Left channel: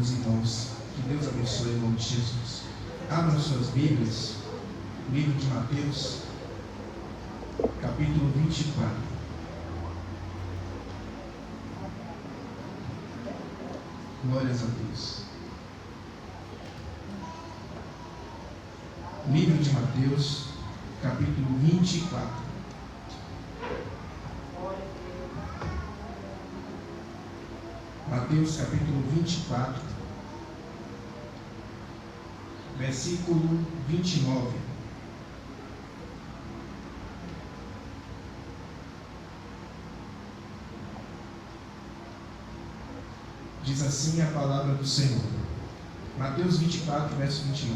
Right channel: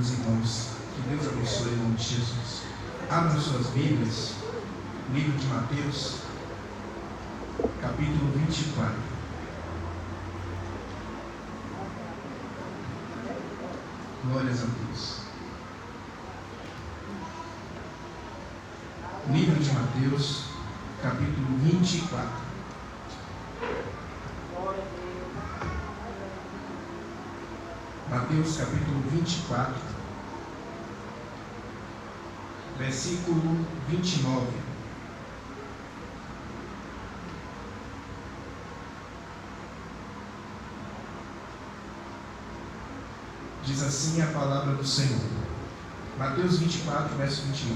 os irmãos. Que Deus abençoe em nome de Jesus. Abram suas Bíblias, livro de Mateus, capítulo 24. Glórias a Deus. Livro de Mateus, capítulo 24. Mateus, capítulo 24, versículo 29. Diz assim a palavra do Senhor. Mateus 24, verso 29.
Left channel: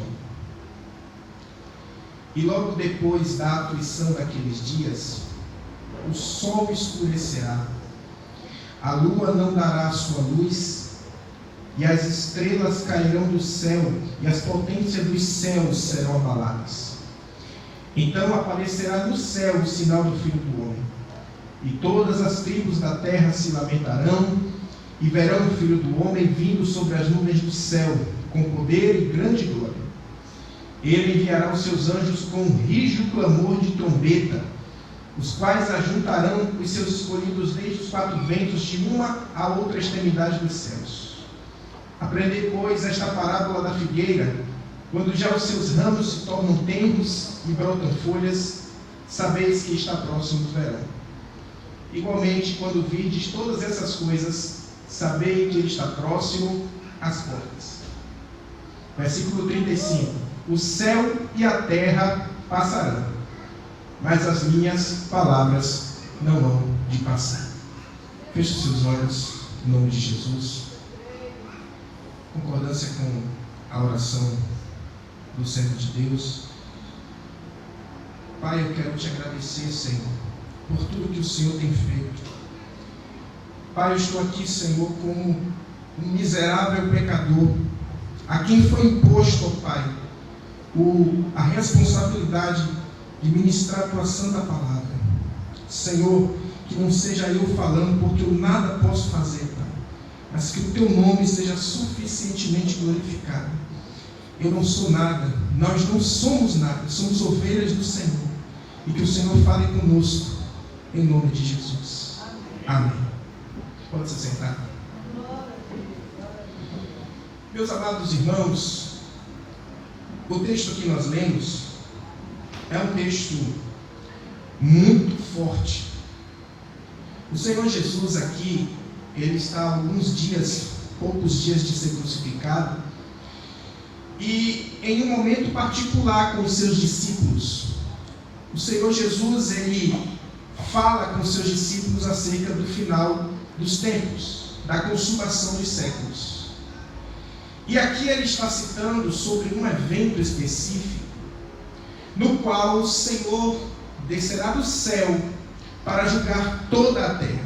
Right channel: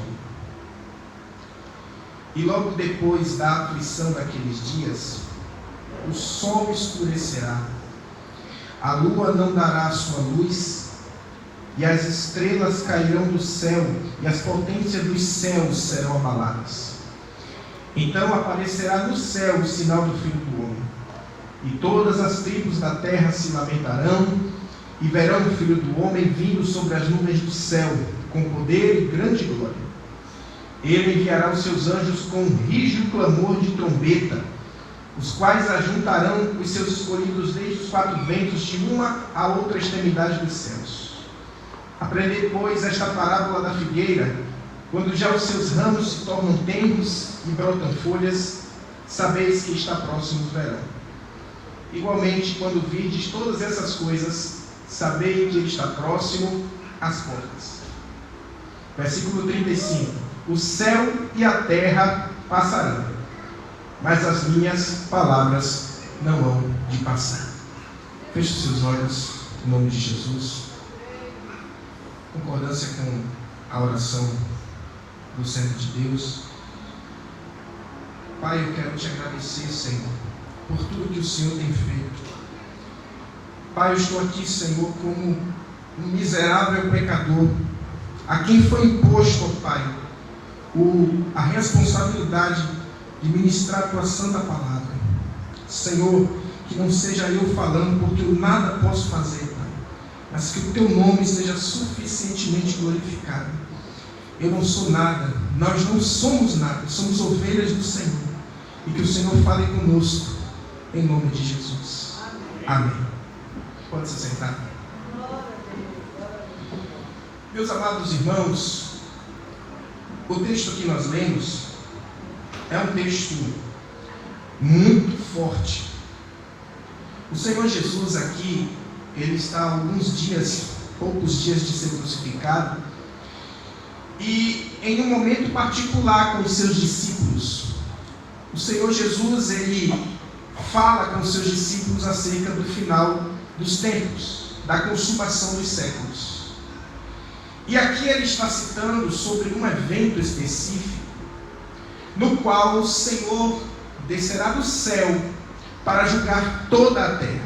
E logo depois da aflição daqueles dias, o sol escurecerá, a lua não dará sua luz, e as estrelas cairão do céu, e as potências dos céus serão abaladas. Então aparecerá no céu o sinal do Filho do Homem, e todas as tribos da terra se lamentarão, e verão o Filho do Homem vindo sobre as nuvens do céu, com poder e grande glória. Ele enviará os seus anjos com um rígido clamor de trombeta, os quais ajuntarão os seus escolhidos desde os quatro ventos, de uma a outra extremidade dos céus. Aprendei, pois, esta parábola da figueira: quando já os seus ramos se tornam tenros e brotam folhas, sabeis que está próximo o verão. Igualmente, quando virdes todas essas coisas, sabei que ele está próximo às portas. Versículo 35. O céu e a terra passarão, mas as minhas palavras não hão de passar. Feche os seus olhos, em nome de Jesus. Concordância com a oração do Centro de Deus. Pai, eu quero te agradecer, Senhor, por tudo que o Senhor tem feito. Pai, eu estou aqui, Senhor, como um miserável pecador, a quem foi imposto, ó Pai, a responsabilidade de ministrar a tua santa palavra. Senhor, que não seja eu falando, porque eu nada posso fazer, Pai, mas que o teu nome seja suficientemente glorificado. Eu não sou nada, nós não somos nada, somos ovelhas do Senhor, e que o Senhor fale conosco, em nome de Jesus. Amém. Pode se sentar. Meus amados irmãos, o texto que nós lemos é um texto muito forte. O Senhor Jesus aqui, ele está há alguns dias, poucos dias de ser crucificado, e em um momento particular com os seus discípulos, o Senhor Jesus, ele fala com os seus discípulos acerca do final dos tempos, da consumação dos séculos. E aqui ele está citando sobre um evento específico, no qual o Senhor descerá do céu para julgar toda a terra.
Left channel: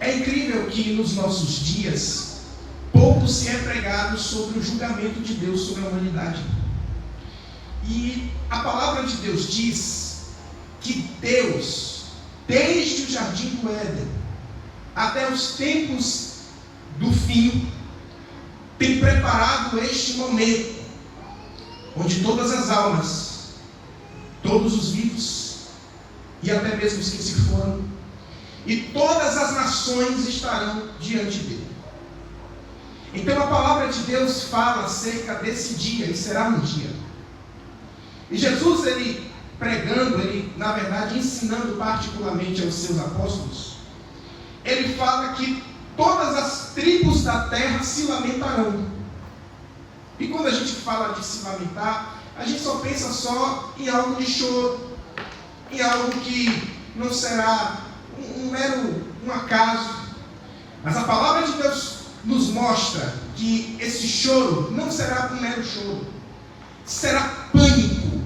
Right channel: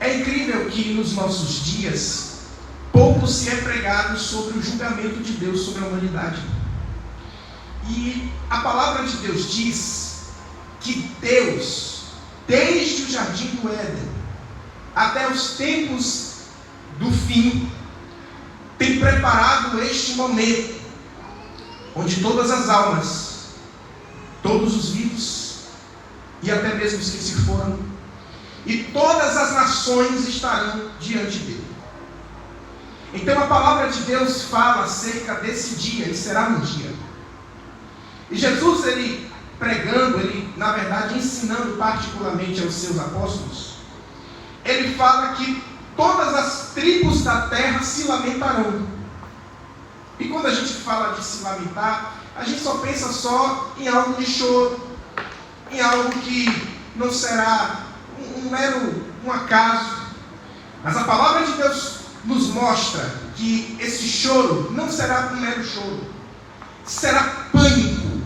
É incrível que nos nossos dias, pouco se é pregado sobre o julgamento de Deus sobre a humanidade. E a palavra de Deus diz que Deus, desde o jardim do Éden até os tempos do fim, tem preparado este momento, onde todas as almas, todos os vivos, e até mesmo os que se foram, e todas as nações estarão diante dele. Então a palavra de Deus fala acerca desse dia, e será um dia. E Jesus, ele pregando, ele na verdade ensinando particularmente aos seus apóstolos, ele fala que todas as tribos da terra se lamentarão. E quando a gente fala de se lamentar, a gente só pensa só em algo de choro, em algo que não será um acaso. Mas a palavra de Deus nos mostra que esse choro não será um mero choro. Será pânico,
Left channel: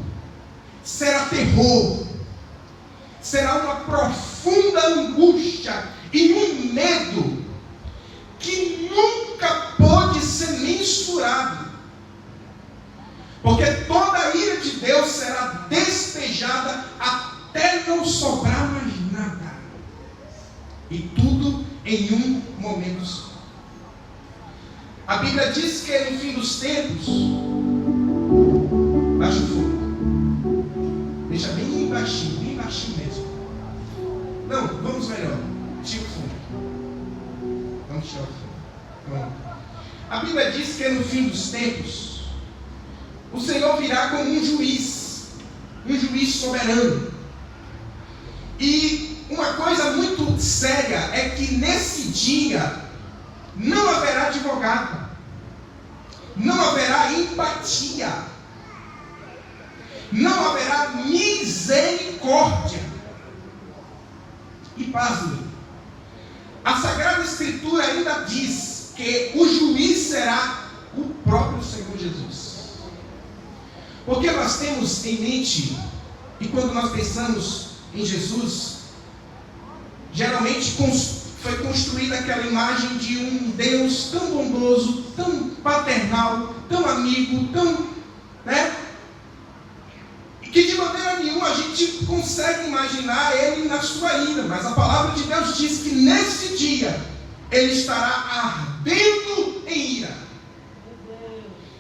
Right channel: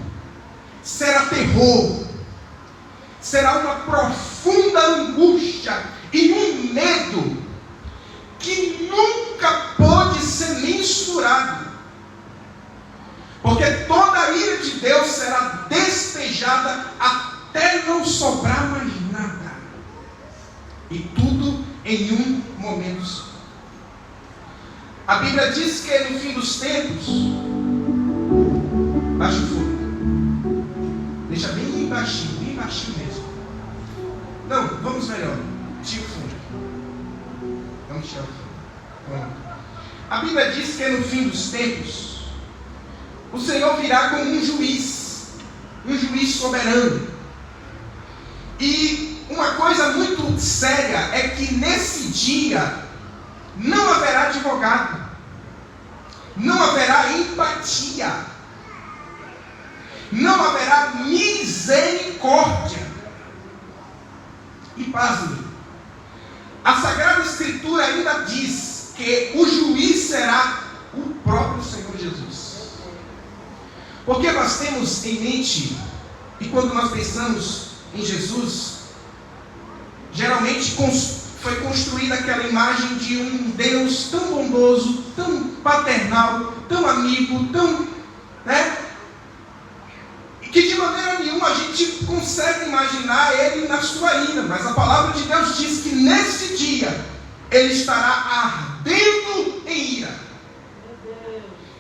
será terror, será uma profunda angústia e um medo que nunca pode ser mensurado, porque toda a ira de Deus será despejada até não sobrar mais nada, e tudo em um momento só. A Bíblia diz que no fim dos tempos, baixa o fogo. Deixa bem baixinho mesmo. Não, vamos melhor. Tira o fogo. Vamos tirar o fogo. Pronto. A Bíblia diz que no fim dos tempos, o Senhor virá como um juiz soberano. E uma coisa muito séria é que nesse dia não haverá advogado, não haverá empatia, não haverá misericórdia. E pasme, a Sagrada Escritura ainda diz que o juiz será o próprio Senhor Jesus. Porque nós temos em mente, e quando nós pensamos em Jesus, geralmente foi construída aquela imagem de um Deus tão bondoso, tão paternal, tão amigo, tão, que de maneira nenhuma a gente consegue imaginar ele na sua ira. Mas a palavra de Deus diz que nesse dia ele estará ardendo em ira.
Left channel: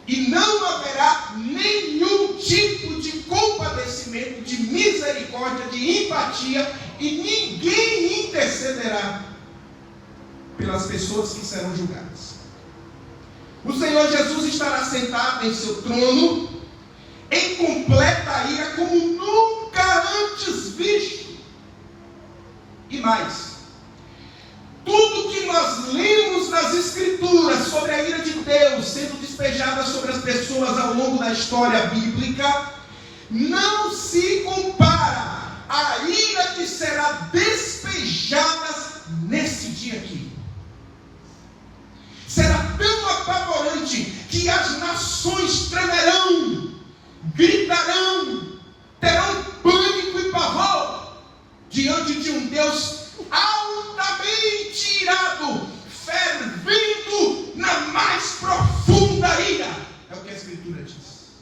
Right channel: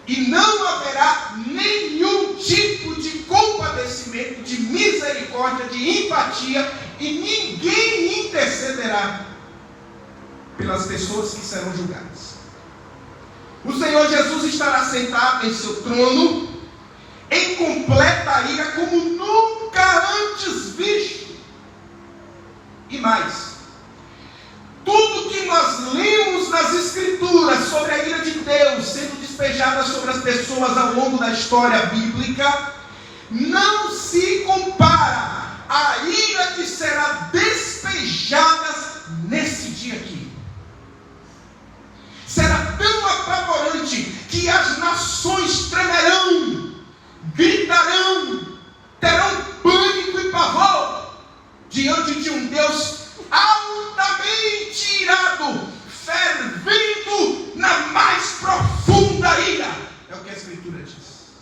E não haverá nenhum tipo de compadecimento, de misericórdia, de empatia, e ninguém intercederá pelas pessoas que serão julgadas. O Senhor Jesus estará sentado em seu trono, em completa ira, como nunca antes visto. E mais, tudo que nós lemos nas Escrituras sobre a ira de Deus sendo despejada sobre as pessoas ao longo da história bíblica, não se compara à ira que será despejada nesse dia aqui. Será tão apavorante que as nações tremerão, gritarão, terão pânico e pavor diante de um Deus altamente irado, fervendo na mais profunda ira. É o que a Escritura diz.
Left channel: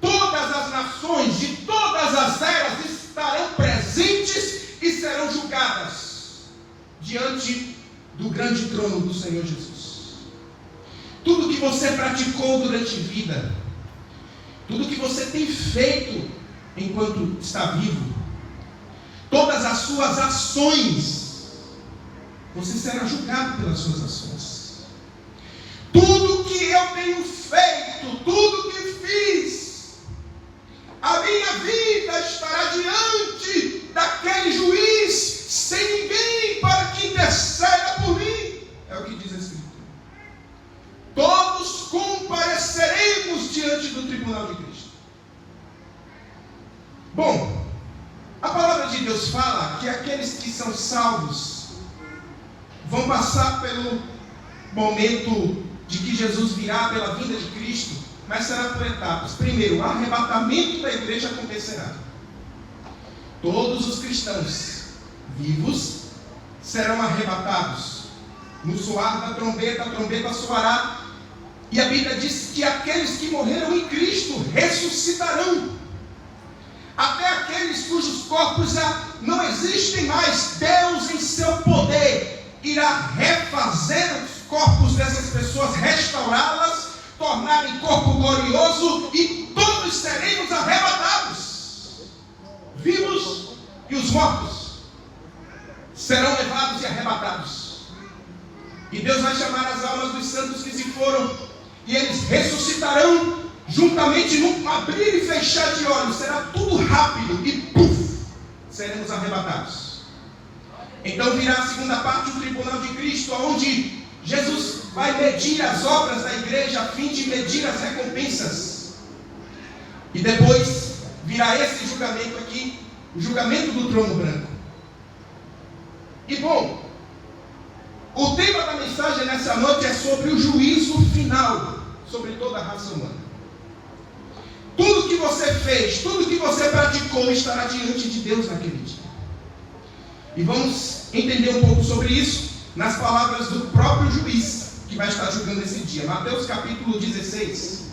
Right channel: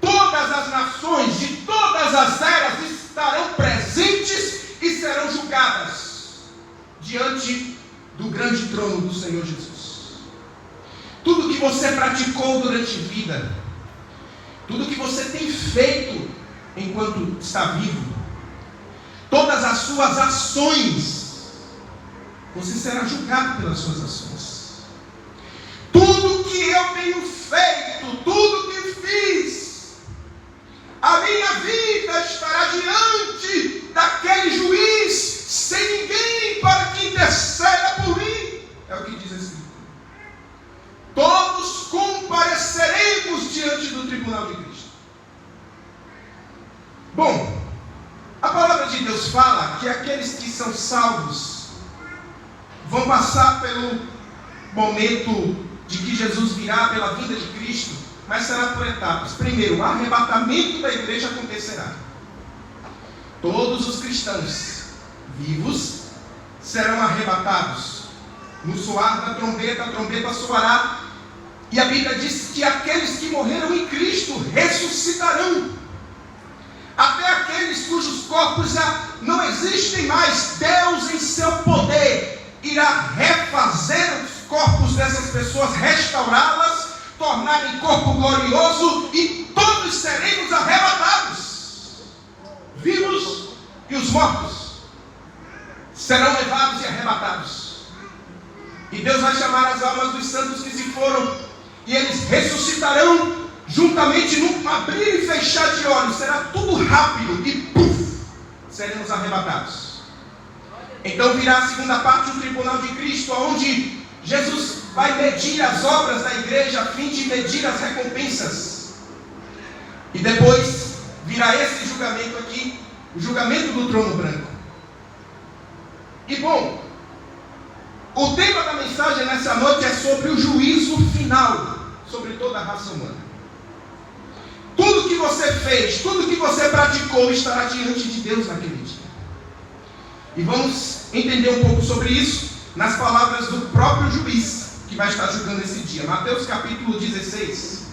Todas as nações de todas as eras estarão presentes e serão julgadas diante do grande trono do Senhor Jesus. Tudo que você praticou durante a vida, tudo que você tem feito enquanto está vivo, todas as suas ações, você será julgado pelas suas ações. Tudo que eu tenho feito, tudo que fiz, a minha vida estará diante daquele juiz, sem ninguém para que interceda por mim. É o que diz a Escritura. Todos compareceremos diante do tribunal de Cristo. Bom, a palavra de Deus fala que aqueles que são salvos vão passar pelo momento de que Jesus virá, pela vinda de Cristo, mas será por etapas. Primeiro, o arrebatamento da igreja acontecerá. Todos os cristãos vivos serão arrebatados. No soar da trombeta, a trombeta soará, e a Bíblia diz que aqueles que morreram em Cristo ressuscitarão. Até aqueles cujos corpos já não existem mais, Deus em seu poder irá refazer os corpos dessas pessoas, restaurá-las, tornar em corpo glorioso, e todos seremos arrebatados. Vivos e os mortos serão levados e arrebatados. E Deus vai chamar as almas dos santos que se foram, e eles ressuscitarão juntamente num abrir e fechar de olhos. Será tudo rápido e puf, seremos arrebatados. Então virá a segunda parte do tribunal de Cristo, onde Jesus vai medir as obras da igreja a fim de medir as recompensas. E depois virá esse julgamento aqui, o julgamento do trono branco. E bom, o tema da mensagem nessa noite é sobre o juízo final sobre toda a raça humana. Tudo que você fez, tudo que você praticou estará diante de Deus naquele dia. E vamos entender um pouco sobre isso nas palavras do próprio juiz que vai estar julgando esse dia. Mateus capítulo 16.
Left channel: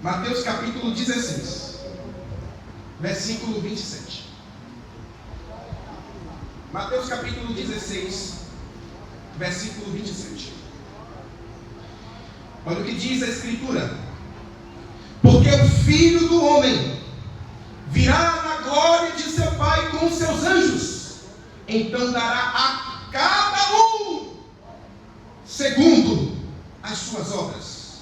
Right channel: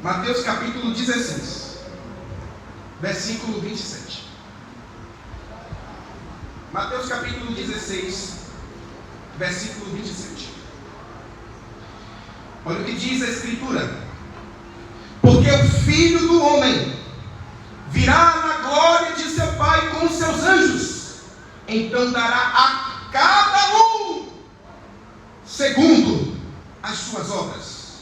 Mateus capítulo 16, versículo 27. Mateus capítulo 16, versículo 27. Olha o que diz a Escritura: porque o Filho do Homem virá na glória de seu Pai com os seus anjos, então dará a cada um segundo as suas obras.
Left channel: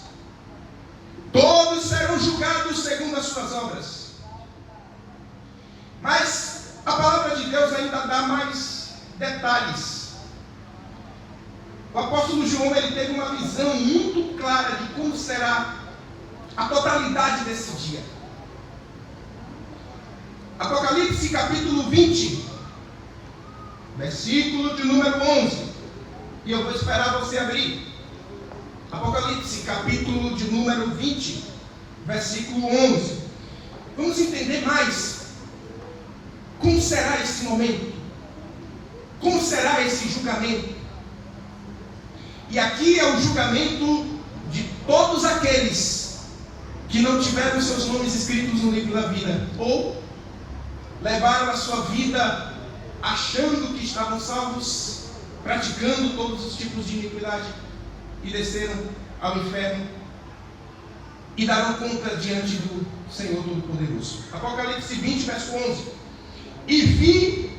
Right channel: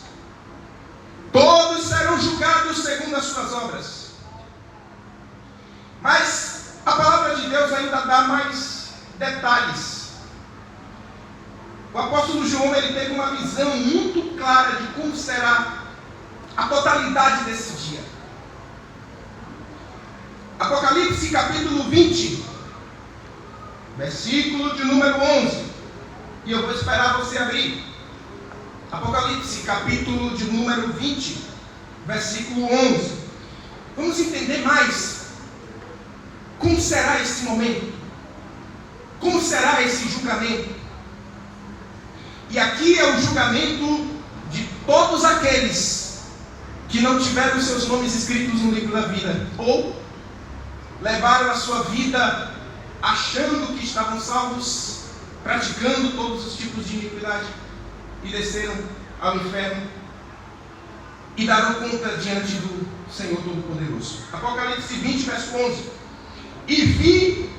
Todos serão julgados segundo as suas obras. Mas a palavra de Deus ainda dá mais detalhes. O apóstolo João, ele teve uma visão muito clara de como será a totalidade desse dia. Apocalipse capítulo 20, versículo de número 11. E eu vou esperar você abrir. Apocalipse capítulo de número 20, versículo 11. Vamos entender mais como será esse momento, como será esse julgamento. E aqui é o julgamento de todos aqueles que não tiveram seus nomes escritos no livro da vida, ou levaram a sua vida achando que estavam salvos, praticando todos os tipos de iniquidade, e desceram ao inferno e darão conta diante do Senhor Todo-Poderoso. Apocalipse 20, verso 11. E vi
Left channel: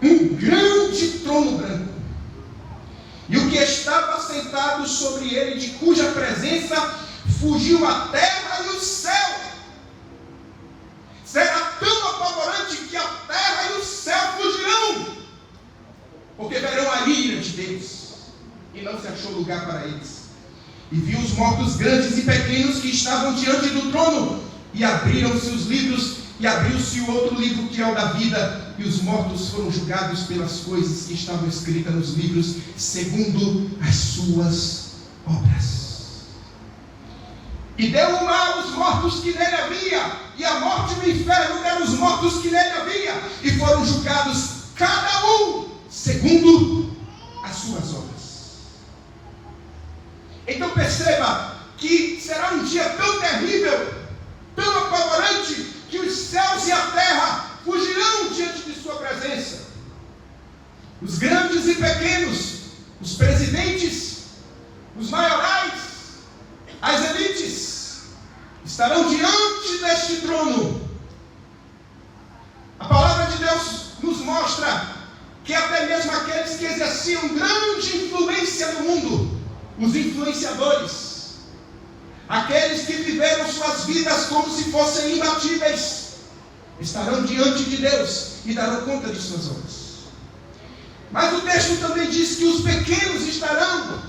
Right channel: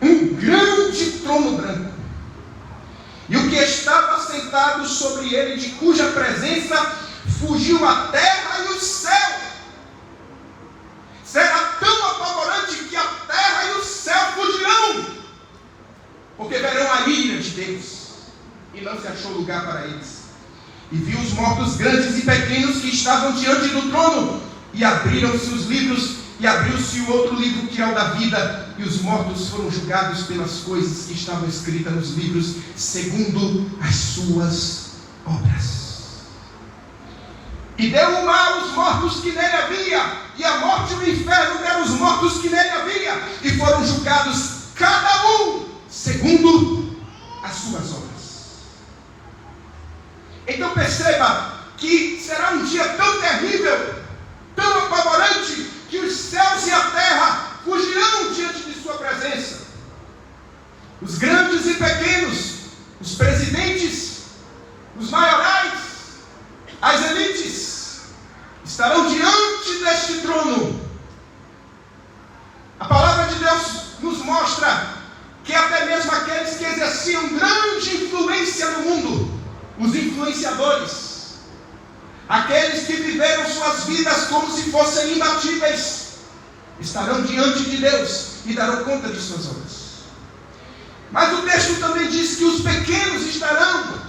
um grande trono branco, e o que estava sentado sobre ele, de cuja presença fugiu a terra e o céu. Será tão apavorante que a terra e o céu fugirão, porque verão a ira de Deus, e não se achou lugar para eles. E vi os mortos grandes e pequenos que estavam diante do trono, e abriram-se os livros, e abriu-se o outro livro, que é o da vida, e os mortos foram julgados pelas coisas que estavam escritas nos livros, segundo as suas obras. E deu o mal aos mortos que nele havia, e a morte e o inferno deram os mortos que nele havia, e foram julgados cada um segundo as suas obras. Então perceba que será um dia tão terrível, tão apavorante, que os céus e a terra fugirão diante de sua presença. Os grandes e pequenos, os presidentes, os maiorais, as elites, estarão diante deste trono. A palavra de Deus nos mostra que até mesmo aqueles que exerciam grande influência no mundo, os influenciadores, aqueles que viveram suas vidas como se fossem imbatíveis, estarão diante de Deus e darão conta de suas obras. Mas o texto também diz que os pequenos estarão.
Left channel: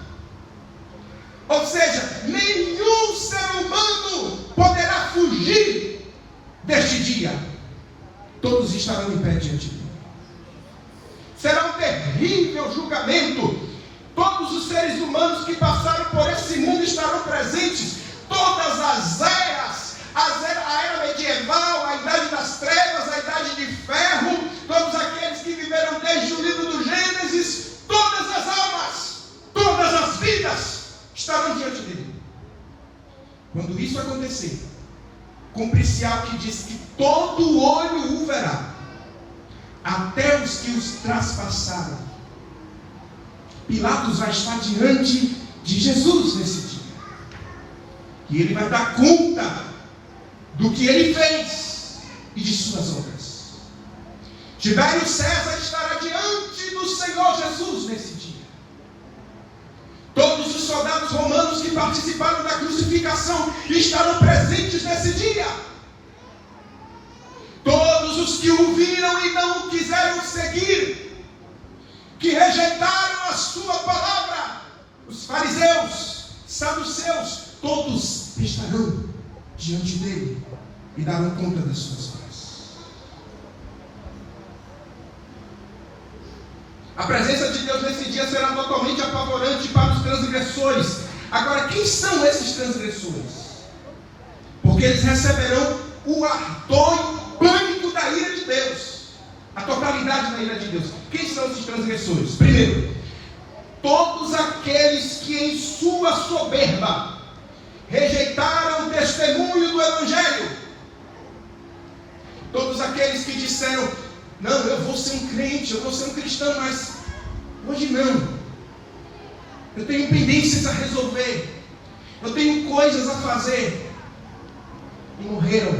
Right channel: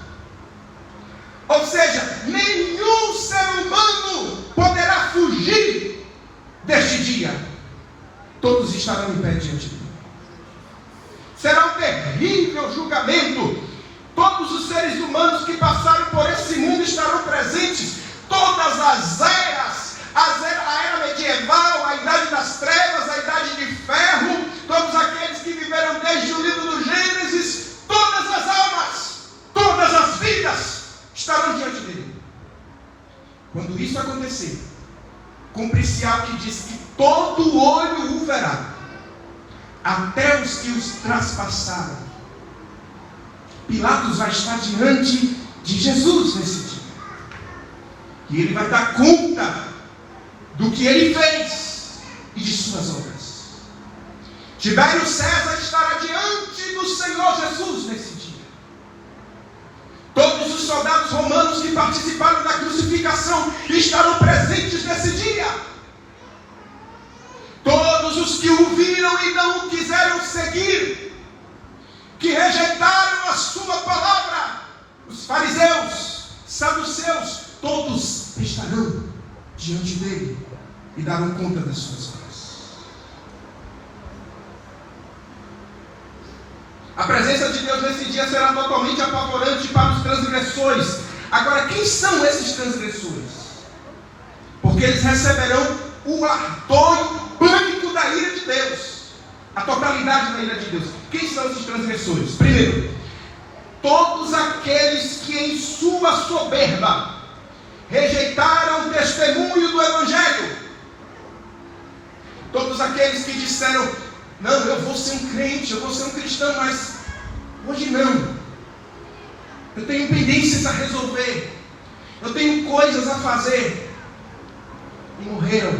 Ou seja, nenhum ser humano poderá fugir deste dia. Todos estarão em pé diante dele. Será um terrível julgamento. Todos os seres humanos que passaram por esse mundo estarão presentes. Todas as eras, a era medieval, a idade das trevas, a idade de ferro, todos aqueles que viveram desde o livro do Gênesis, todas as almas, todas as vidas estarão diante dele. Quando isso acontecer, cumpre-se algo que diz que todo olho o verá, até os que os traspassaram. Pilatos vai estar diante de Jesus nesse dia, e ele vai dar conta do que ele fez e de suas obras. Tibério César estará diante do Senhor Jesus nesse dia. Todos os soldados romanos que participaram da crucificação estarão presentes nesse dia. Todos os que o viram e não o quiseram seguir, que rejeitaram a sua palavra, os fariseus, saduceus, todos estarão diante dele e darão conta das suas obras. A presença de Deus nesse dia será totalmente apavorante para os transgressores. Agora, quem são esses transgressores? Porque eles receberão o ardor e o pânico da ira de Deus, a totalidade da ira de Deus. Quem são esses transgressores? Primeiro, todos aqueles que em sua soberba rejeitaram o testemunho do Evangelho. Todos aqueles que disseram: Não, eu vou ser um crente, eu vou ser um cristão, mas hoje não. Eu tenho pendências a resolver. Eu tenho coisas a fazer. E morreram.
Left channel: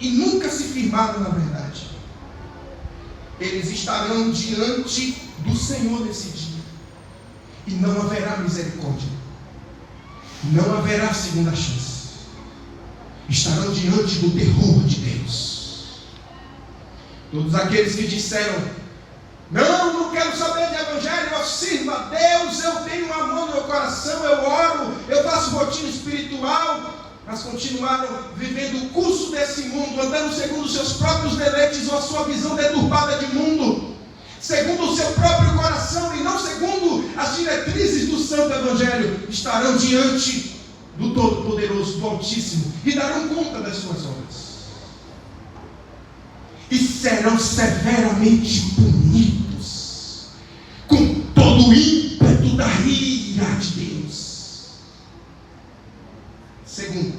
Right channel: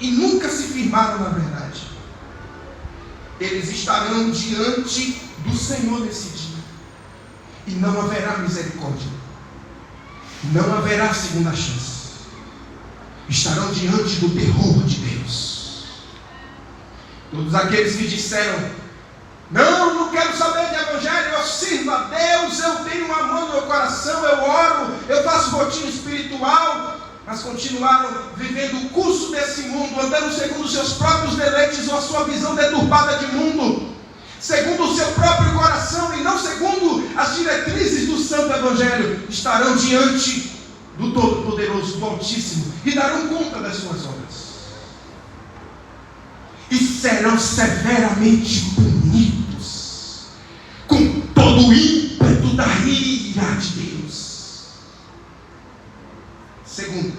E nunca se firmaram na verdade. Eles estarão diante do Senhor nesse dia. E não haverá misericórdia. Não haverá segunda chance. Estarão diante do terror de Deus. Todos aqueles que disseram: não quero saber de evangelho, eu sirvo a Deus, eu tenho um amor no meu coração, eu oro, eu faço rotina espiritual, mas continuaram vivendo o curso desse mundo, andando segundo os seus próprios deleites ou a sua visão deturbada de mundo, segundo o seu próprio coração e não segundo as diretrizes do santo evangelho, estarão diante do Todo-Poderoso, do Altíssimo, e darão conta das suas obras. E serão severamente punidos, com todo o ímpeto da ira de Deus. Segundo,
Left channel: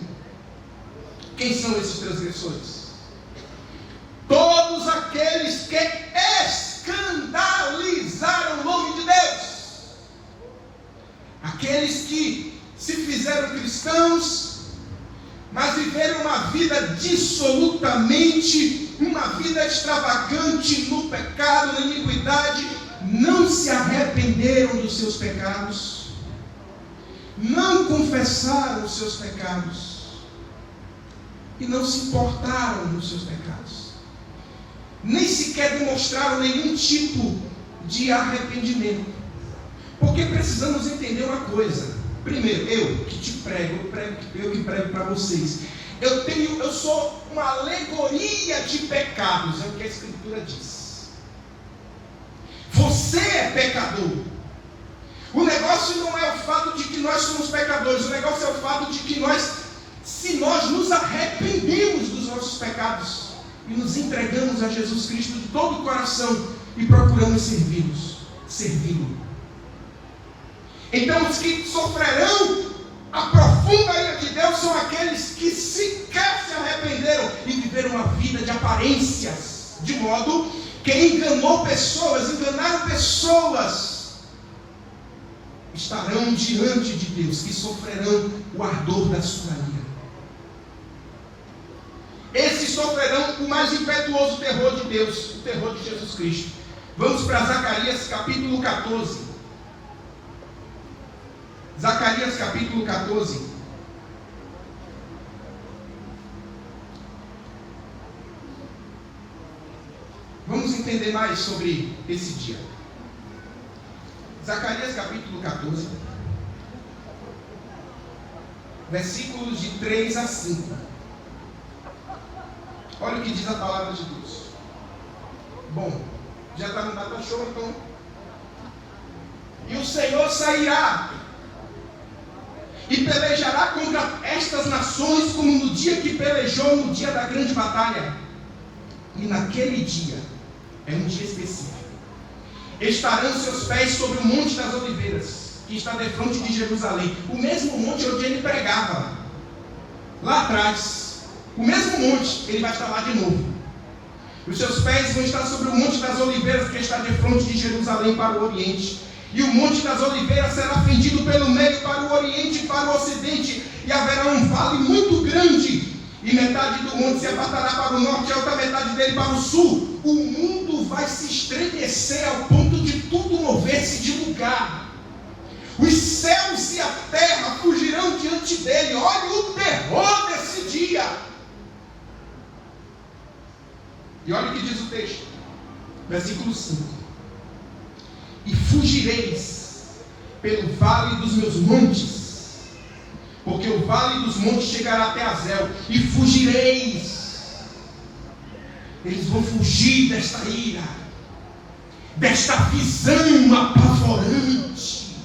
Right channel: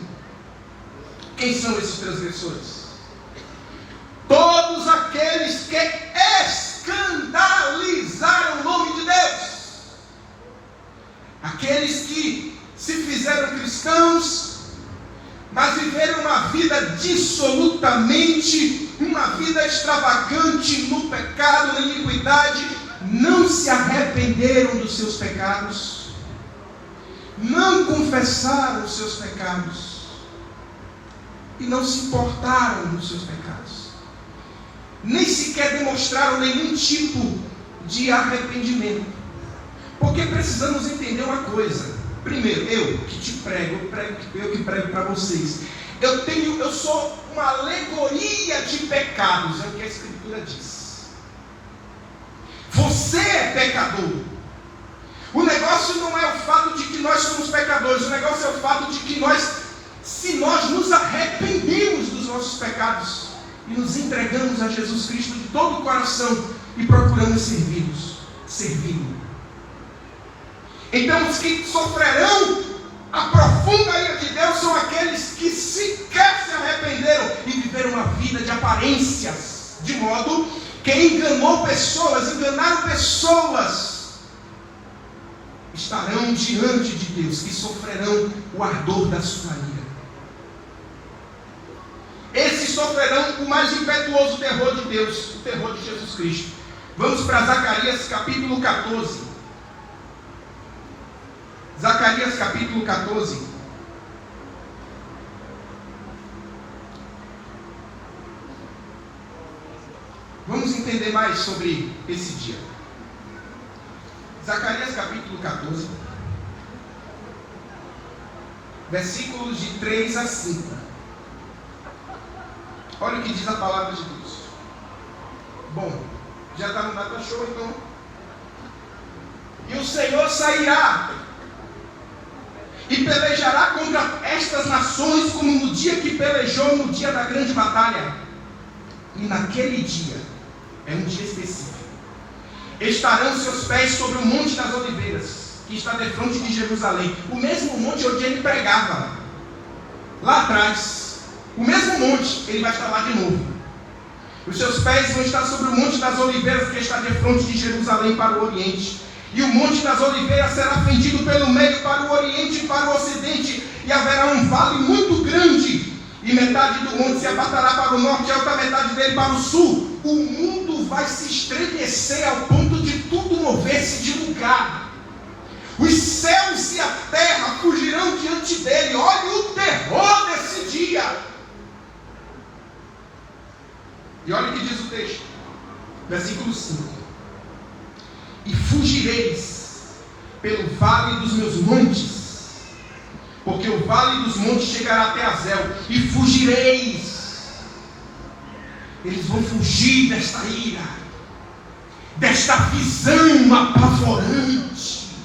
quem são esses transgressores? Todos aqueles que escandalizaram o nome de Deus. Aqueles que se fizeram cristãos, mas viveram uma vida dissolutamente, uma vida extravagante no pecado, na iniquidade, não se arrependeram dos seus pecados, não confessaram os seus pecados, e não se importaram dos seus pecados, nem sequer demonstraram nenhum tipo de arrependimento. Porque precisamos entender uma coisa. Primeiro, eu que prego para vocês. Eu sou uma alegoria de pecados, é o que a Escritura diz. Você é pecador. O negócio não é o fato de que nós somos pecadores, o negócio é o fato de que se nós nos arrependemos dos nossos pecados e nos entregamos a Jesus Cristo de todo o coração e procuramos servi-lo. Então os que sofrerão a profunda ira de Deus são aqueles que sequer se arrependeram e viveram uma vida de aparências, de modo que enganaram pessoas, estarão diante de Deus, que sofrerão o ardor da sua ira. Esses sofrerão o mais impetuoso terror de Deus, o terror de Jesus Cristo. Vamos para Zacarias capítulo 14. Zacarias capítulo 14. Vamos entender mais sobre esse dia. Zacarias capítulo 14, versículos de 3 a 5. Olha o que diz a palavra de Deus. Bom, já está no data show, então. E o Senhor sairá e pelejará contra estas nações, como no dia que pelejou no dia da grande batalha. E naquele dia, é um dia específico, estarão seus pés sobre o Monte das Oliveiras, que está defronte de Jerusalém, o mesmo monte onde ele pregava lá atrás. O mesmo monte, ele vai estar lá de novo. Os seus pés vão estar sobre o Monte das Oliveiras, que está defronte de Jerusalém para o Oriente. E o Monte das Oliveiras será fendido pelo meio para o Oriente e para o Ocidente, e haverá um vale muito grande, e metade do monte se apartará para o norte, e a outra metade dele para o sul. O mundo vai se estremecer ao ponto de tudo mover-se de lugar. Os céus e a terra fugirão diante dele. Olha o terror desse dia. E olha o que diz o texto, versículo 5. E fugireis pelo vale dos meus montes, porque o vale dos montes chegará até Azel, e fugireis. Eles vão fugir desta ira, desta visão apavorante,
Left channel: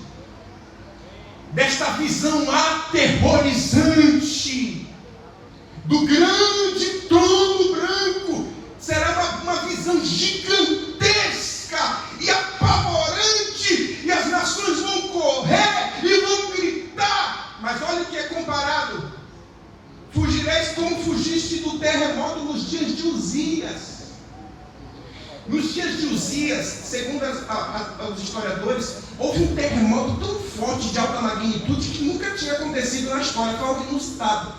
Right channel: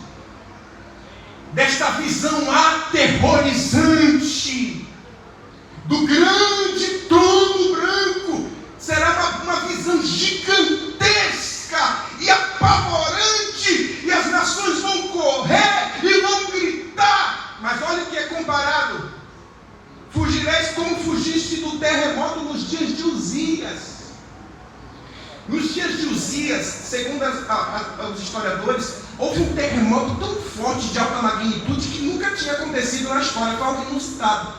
desta visão aterrorizante, do grande trono branco. Será uma visão gigantesca e apavorante, e as nações vão correr e vão gritar. Mas olha o que é comparado. Fugireis como fugiste do terremoto nos dias de Uzias. dias, segundo os historiadores, houve um terremoto tão forte de alta magnitude que nunca tinha acontecido na história, foi algo inusitado.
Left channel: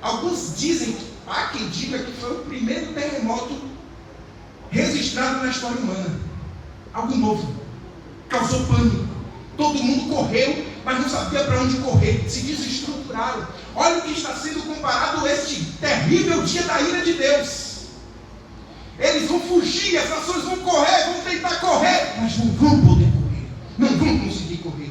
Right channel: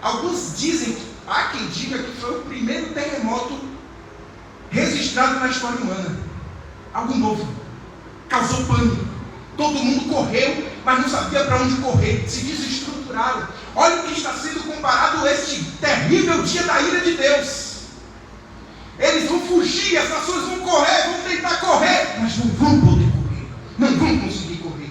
Alguns dizem, há quem diga que foi o primeiro terremoto registrado na história humana. Algo novo, causou pânico. Todo mundo correu, mas não sabia para onde correr, se desestruturaram. Olha o que está sendo comparado a este terrível dia da ira de Deus. Eles vão fugir, as nações vão correr, vão tentar correr, mas não vão poder correr, não vão conseguir correr.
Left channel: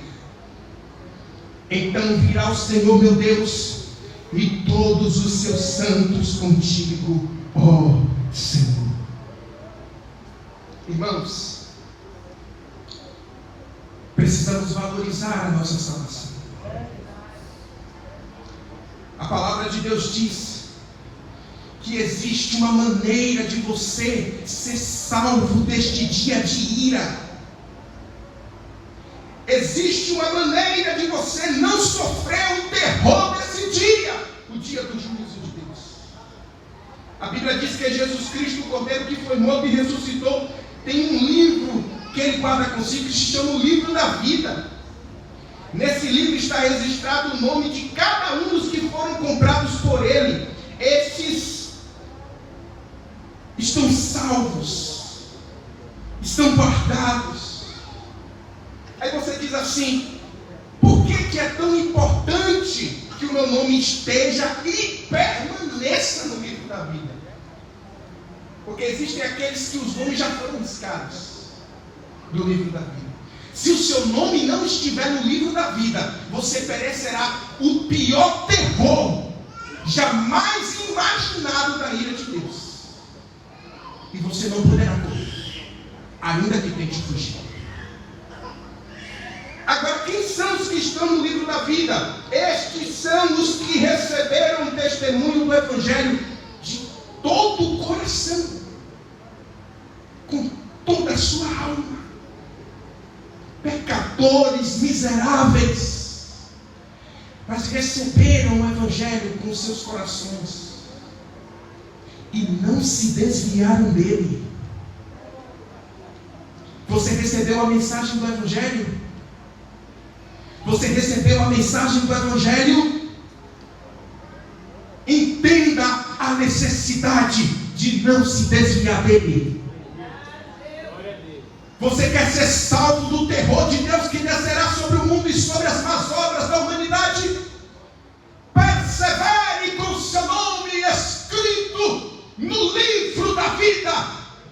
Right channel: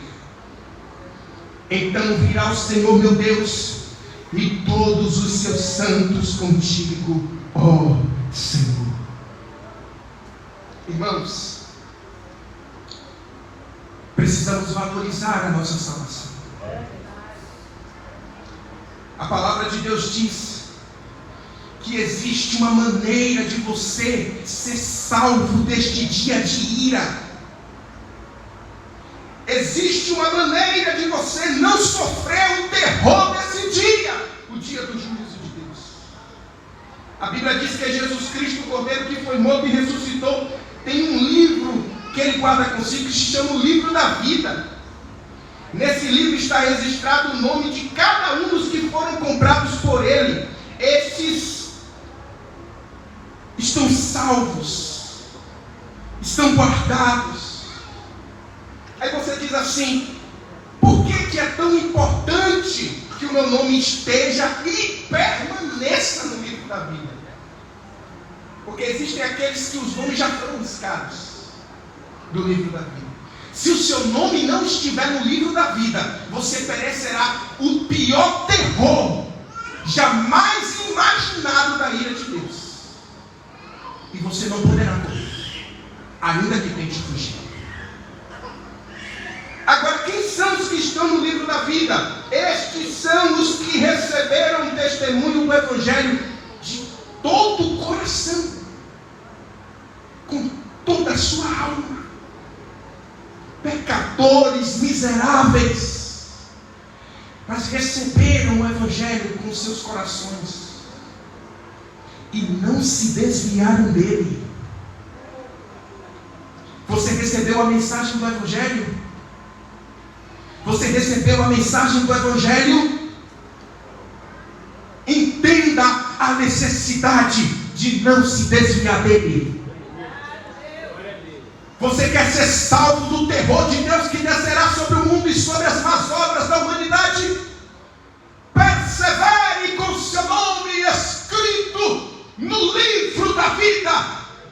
Então virá o Senhor, meu Deus, e todos os seus santos contigo, ó Senhor. Irmãos, precisamos valorizar a nossa salvação. A palavra de Deus diz que existe uma maneira de você ser salvo deste dia de ira. Existe uma maneira de você não sofrer o terror desse dia, o dia do juízo de Deus. A Bíblia diz que é Jesus Cristo, o Cordeiro que foi morto e ressuscitou. Tem um livro que ele guarda consigo que se chama o livro da vida. Nesse livro está registrado o nome de cada um dos que foram comprados por ele. Estes estão salvos, estão guardados. Aí você diz assim: por que é tão importante que o meu nome esteja e permaneça no livro da vida? Porque existem aqueles que os nomes já foram riscados do livro da vida. Se o seu nome não estiver no livro da vida, você perecerá o pior terror jamais imaginado da ira de Deus. E você não poderá correr, ainda que tente fugir. Agora, quem são os que estão no livro da vida? Estes são os que receberam o testemunho do Evangelho de todo o coração, com toda a sua alma. Pecadores miseráveis, mas receberam o Evangelho com seus corações e não se desviaram dele. Você recebeu a mensagem do Evangelho? Você recebeu a mensagem do Evangelho? Entenda a necessidade de não se desviar dele. Você quer ser salvo do terror de Deus que descerá sobre o mundo e sobre as más obras da humanidade? Persevere com seu nome escrito no livro da vida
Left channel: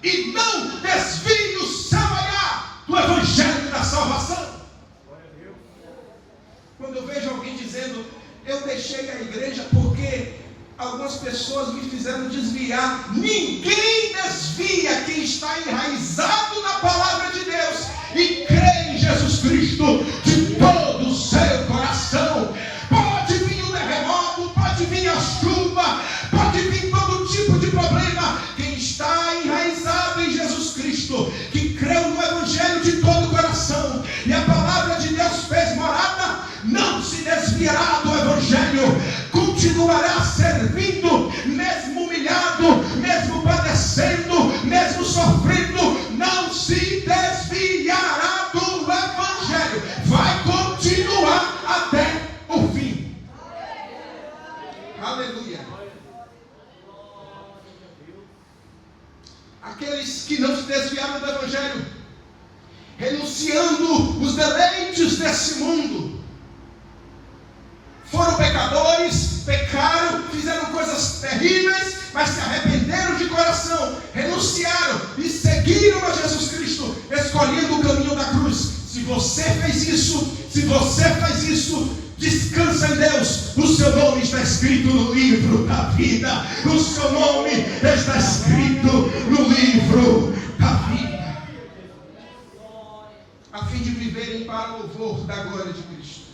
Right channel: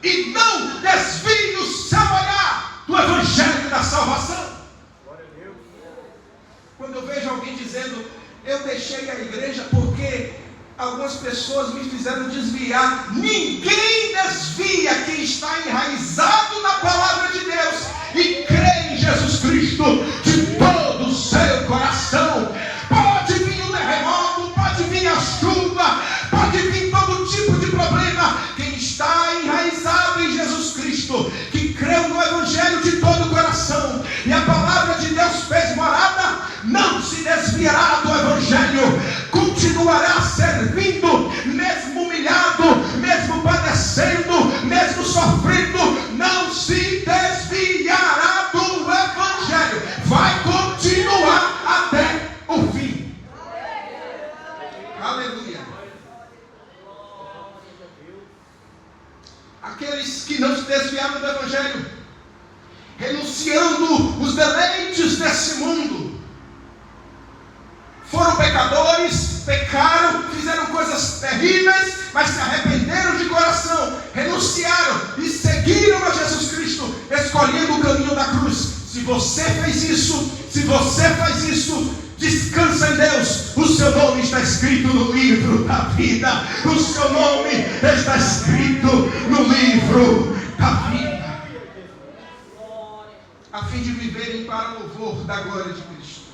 e não desvie o seu olhar do Evangelho da salvação. Quando eu vejo alguém dizendo: eu deixei a igreja porque algumas pessoas me fizeram desviar. Ninguém desvia quem está enraizado na palavra de Deus e crê em Jesus Cristo de todo o seu coração. Pode vir o terremoto, pode vir a chuva, pode vir todo tipo de problema. Quem está enraizado em Jesus Cristo, que creu no Evangelho de todo o coração, e a palavra de Deus fez morada, não se desviará do Evangelho, continuará servindo, mesmo humilhado, mesmo padecendo, mesmo sofrendo, não se desviará do Evangelho, vai continuar até o fim. Aleluia. Aqueles que não se desviaram do Evangelho, renunciando os deleites desse mundo, foram pecadores, pecaram, fizeram coisas terríveis, mas se arrependeram de coração, renunciaram e seguiram a Jesus Cristo, escolhendo o caminho da cruz. Se você fez isso, se você faz isso, descansa em Deus. O seu nome está escrito no livro da vida. O seu nome está escrito no livro da vida, a fim de viverem para o louvor da glória de Cristo.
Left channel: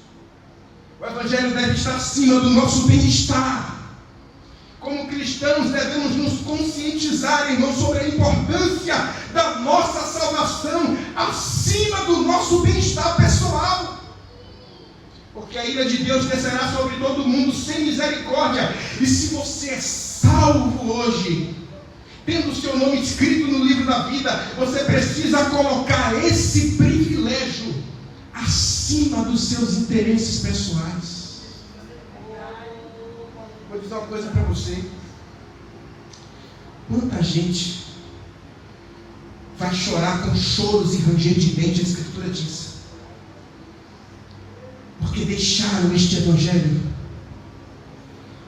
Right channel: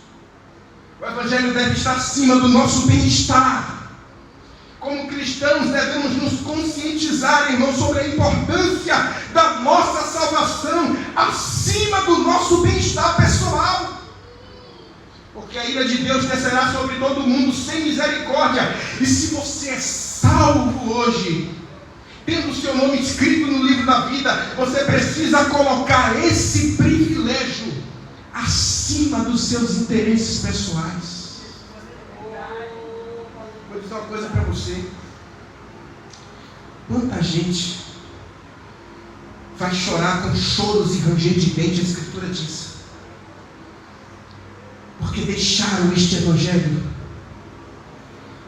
O Evangelho deve estar acima do nosso bem-estar. Como cristãos, devemos nos conscientizar, irmãos, sobre a importância da nossa salvação acima do nosso bem-estar pessoal. Porque a ira de Deus descerá sobre todo mundo sem misericórdia. E se você é salvo hoje, tendo o seu nome escrito no livro da vida, você precisa colocar esse privilégio acima dos seus interesses pessoais. Vou dizer uma coisa para você. Quanta gente vai chorar com choros e ranger de dente, a Escritura diz, porque deixaram este evangelho,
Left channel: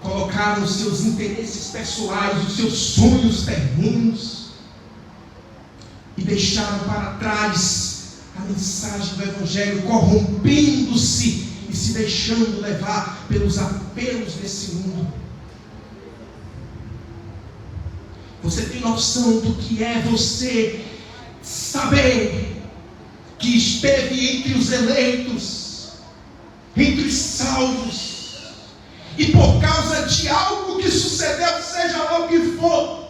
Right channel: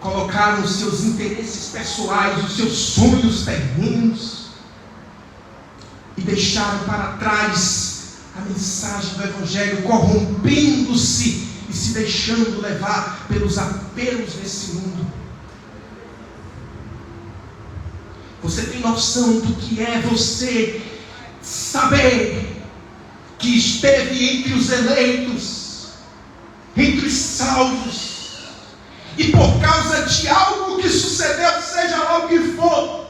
colocaram os seus interesses pessoais, os seus sonhos terrenos, e deixaram para trás a mensagem do evangelho, corrompendo-se e se deixando levar pelos apelos desse mundo. Você tem noção do que é você saber que esteve entre os eleitos, entre os salvos, e por causa de algo que sucedeu, seja lá o que for,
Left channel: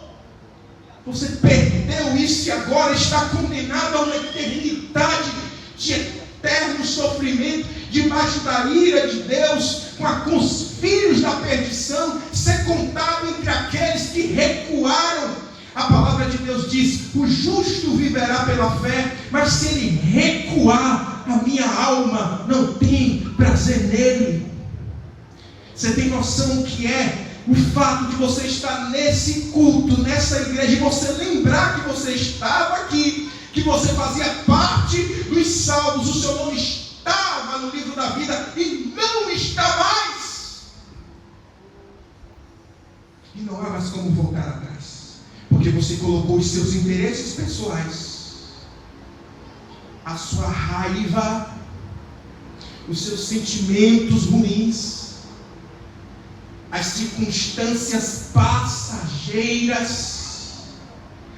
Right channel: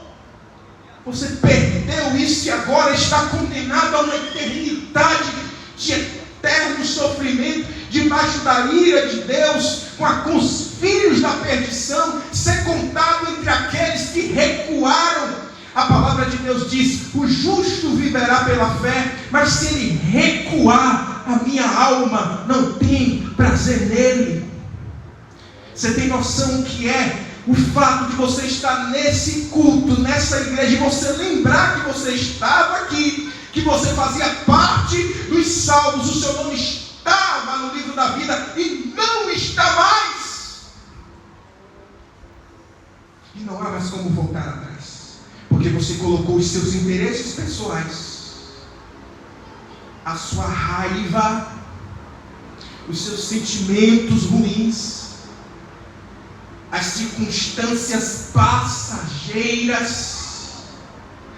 você perdeu isso e agora está condenado a uma eternidade de eterno sofrimento, debaixo da ira de Deus, com os filhos da perdição, ser contado entre aqueles que recuaram. A palavra de Deus diz: o justo viverá pela fé, mas se ele recuar, a minha alma não tem prazer nele. Você tem noção que é o fato de você estar nesse culto, nessa igreja, e você lembrar que você estava aqui, que você fazia parte dos salvos, o seu nome estava no livro da vida e não está mais. E não há mais como voltar atrás, porque você colocou os seus interesses pessoais, a sua raiva, os seus sentimentos ruins, as circunstâncias passageiras,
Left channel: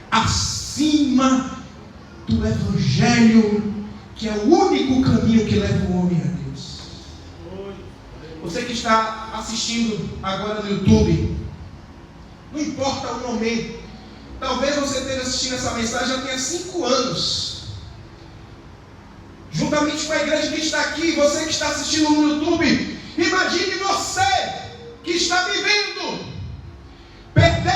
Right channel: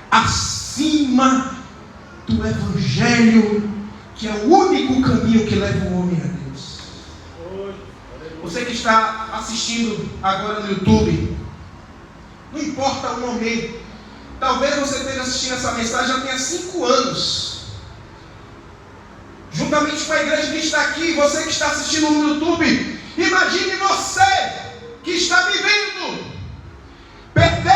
acima do Evangelho, que é o único caminho que leva o homem a Deus. Você que está assistindo agora no YouTube, não importa o momento, talvez você esteja assistindo essa mensagem já tenha 5 anos, juntamente com a igreja que está aqui, você que está assistindo no YouTube, imagine você que está vivendo, perder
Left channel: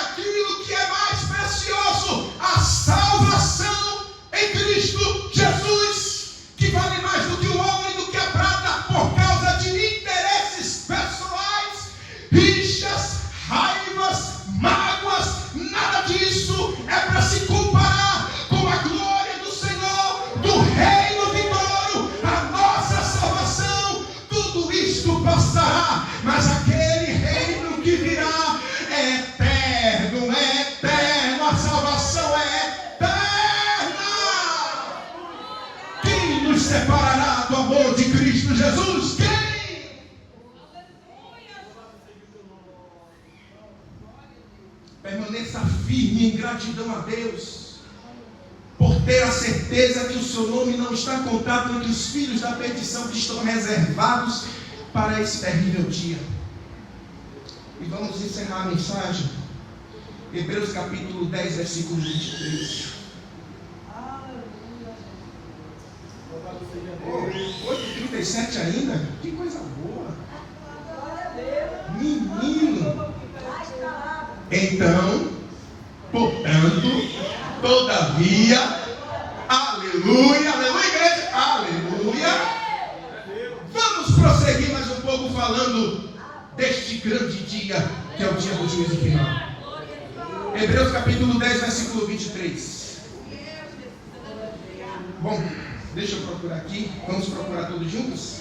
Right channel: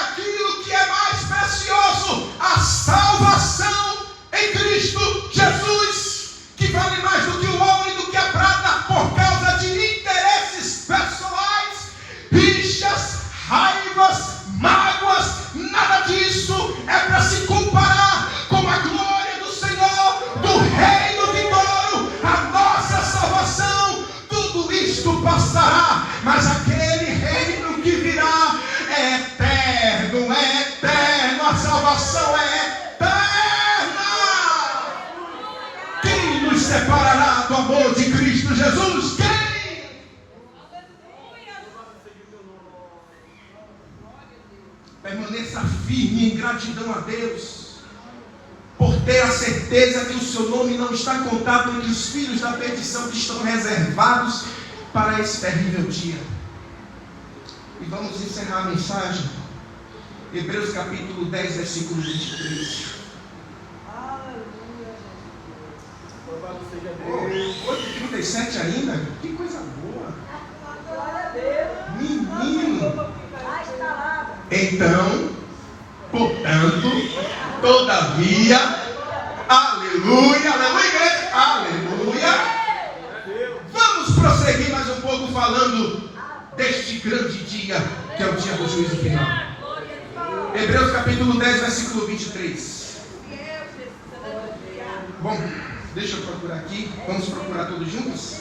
aquilo que é mais precioso, a salvação em Cristo Jesus, que vale mais do que o ouro e do que a prata, por causa de interesses pessoais, rixas, raivas, mágoas. Nada disso é para se comparar com a glória do Senhor, do reino vindouro, a nossa salvação. Tudo isto passará, mas aquele reino que virá é eterno, é eterno, a salvação é eterna. Quem nos separará do amor de Cristo Jesus? Quem? Permaneça firme em gratidão a Deus, por ter a certeza que o seu nome não está contado entre os filhos da perdição que estão reservados para esse terrível dia. E vamos encerrar a mensagem. Hebreus capítulo 10, versículo 23. Oh, 8h37 ainda? Que coisa boa! Menino! Então, portanto, todavia, aleluia, aleluia, igreja, aleluia. Vamos prosseguir mais um pouco falando deste grande dia, que é o dia do juízo final. Hebreus capítulo 10, versículo 23. Bom, deixa eu procurar aqui. Vamos procurar todos juntos?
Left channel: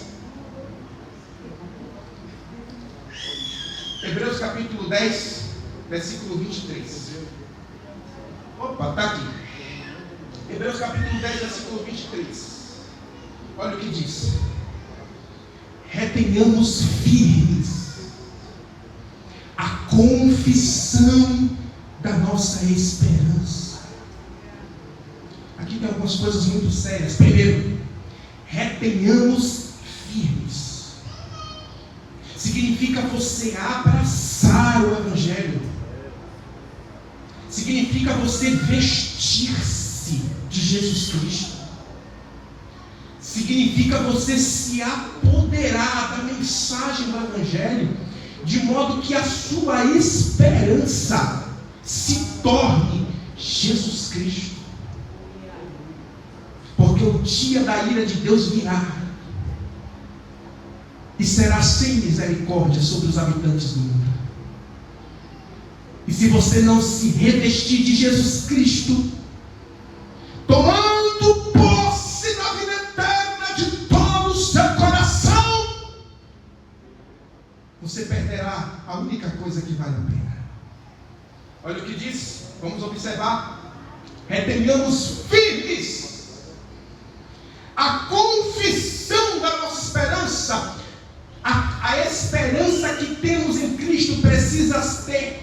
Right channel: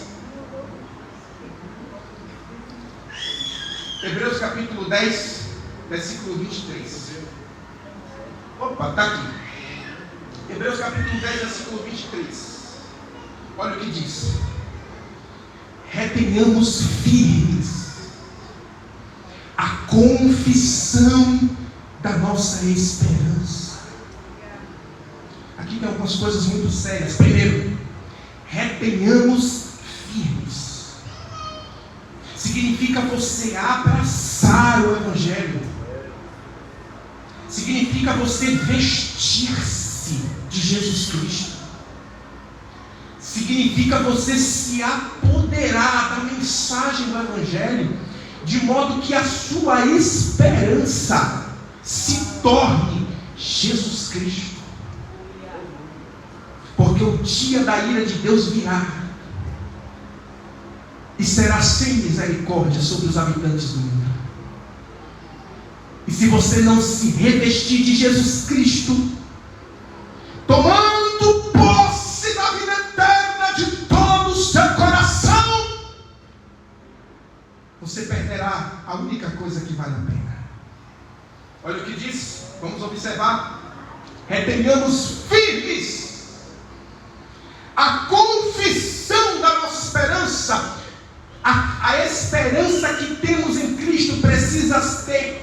Hebreus capítulo 10, versículo 23. Opa, está aqui. Hebreus capítulo 10, versículo 23. Olha o que diz: retenhamos firmes a confissão da nossa esperança. Aqui tem algumas coisas muito sérias. Primeiro, retenhamos firmes. Significa você abraçar o Evangelho. Significa você vestir-se de Jesus Cristo. Significa você se apoderar da mensagem do Evangelho, de modo que a sua esperança se torne Jesus Cristo. Porque o dia da ira de Deus virá e será sem misericórdia sobre os habitantes do mundo. E se você não se revestir de Jesus Cristo, tomando posse da vida eterna de todo o seu coração, você perderá a única coisa que vale a pena. Olha o que diz, vamos observar. Retenhamos firmes a confissão da nossa esperança. A esperança que temos em Cristo precisa ser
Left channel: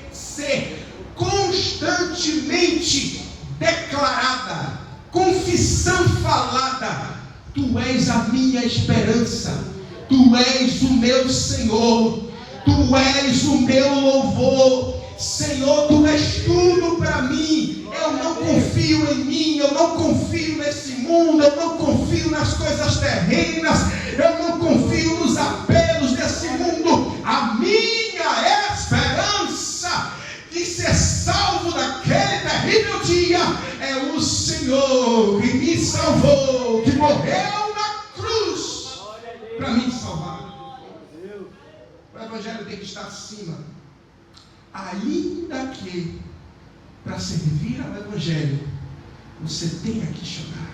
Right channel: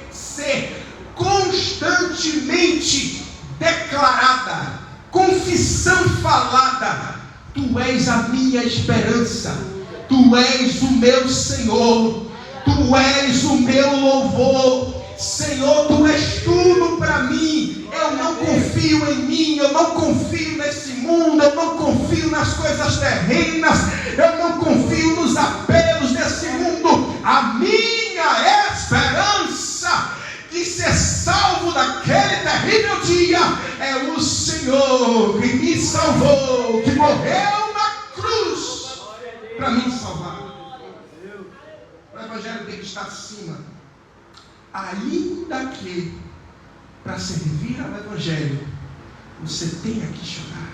constantemente declarada, confissão falada. Tu és a minha esperança, tu és o meu Senhor, tu és o meu louvor. Senhor, tu és tudo para mim. Eu não confio em mim, eu não confio nesse mundo, eu não confio nas coisas terrenas, eu não confio nos apelos desse mundo. A minha esperança de ser salvo daquele terrível dia é o Senhor que me salvou, que morreu na cruz para me salvar. O Evangelho tem que estar acima. Ainda que para servir ao Evangelho você tenha que chorar.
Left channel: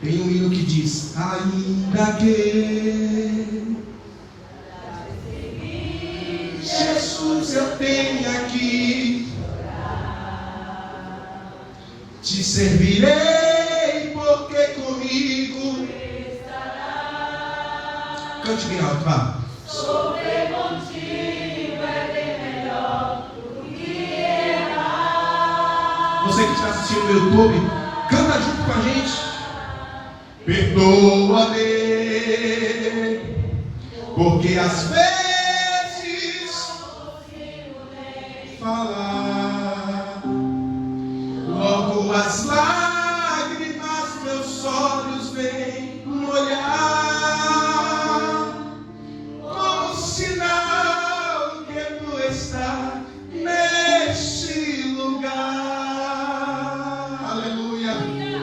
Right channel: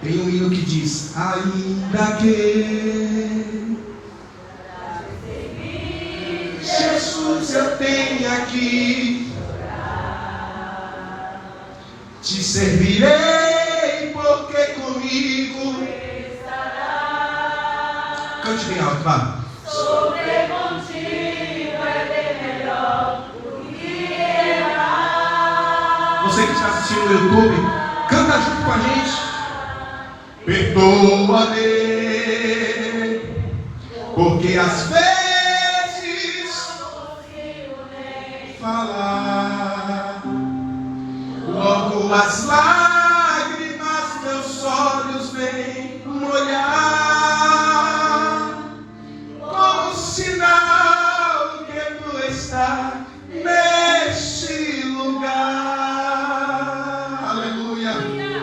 Tem um hino que diz: ainda que Jesus eu tenha que te servirei, porque comigo cante bem alto, vá. Sofrer contigo é bem melhor do que errar. Você que está assistindo no YouTube, canta junto com a gente. Perdoa-me, porque às vezes não consigo nem falar. Logo as lágrimas meus olhos vêm molhar, como sinal que tu estás neste lugar. Aleluia,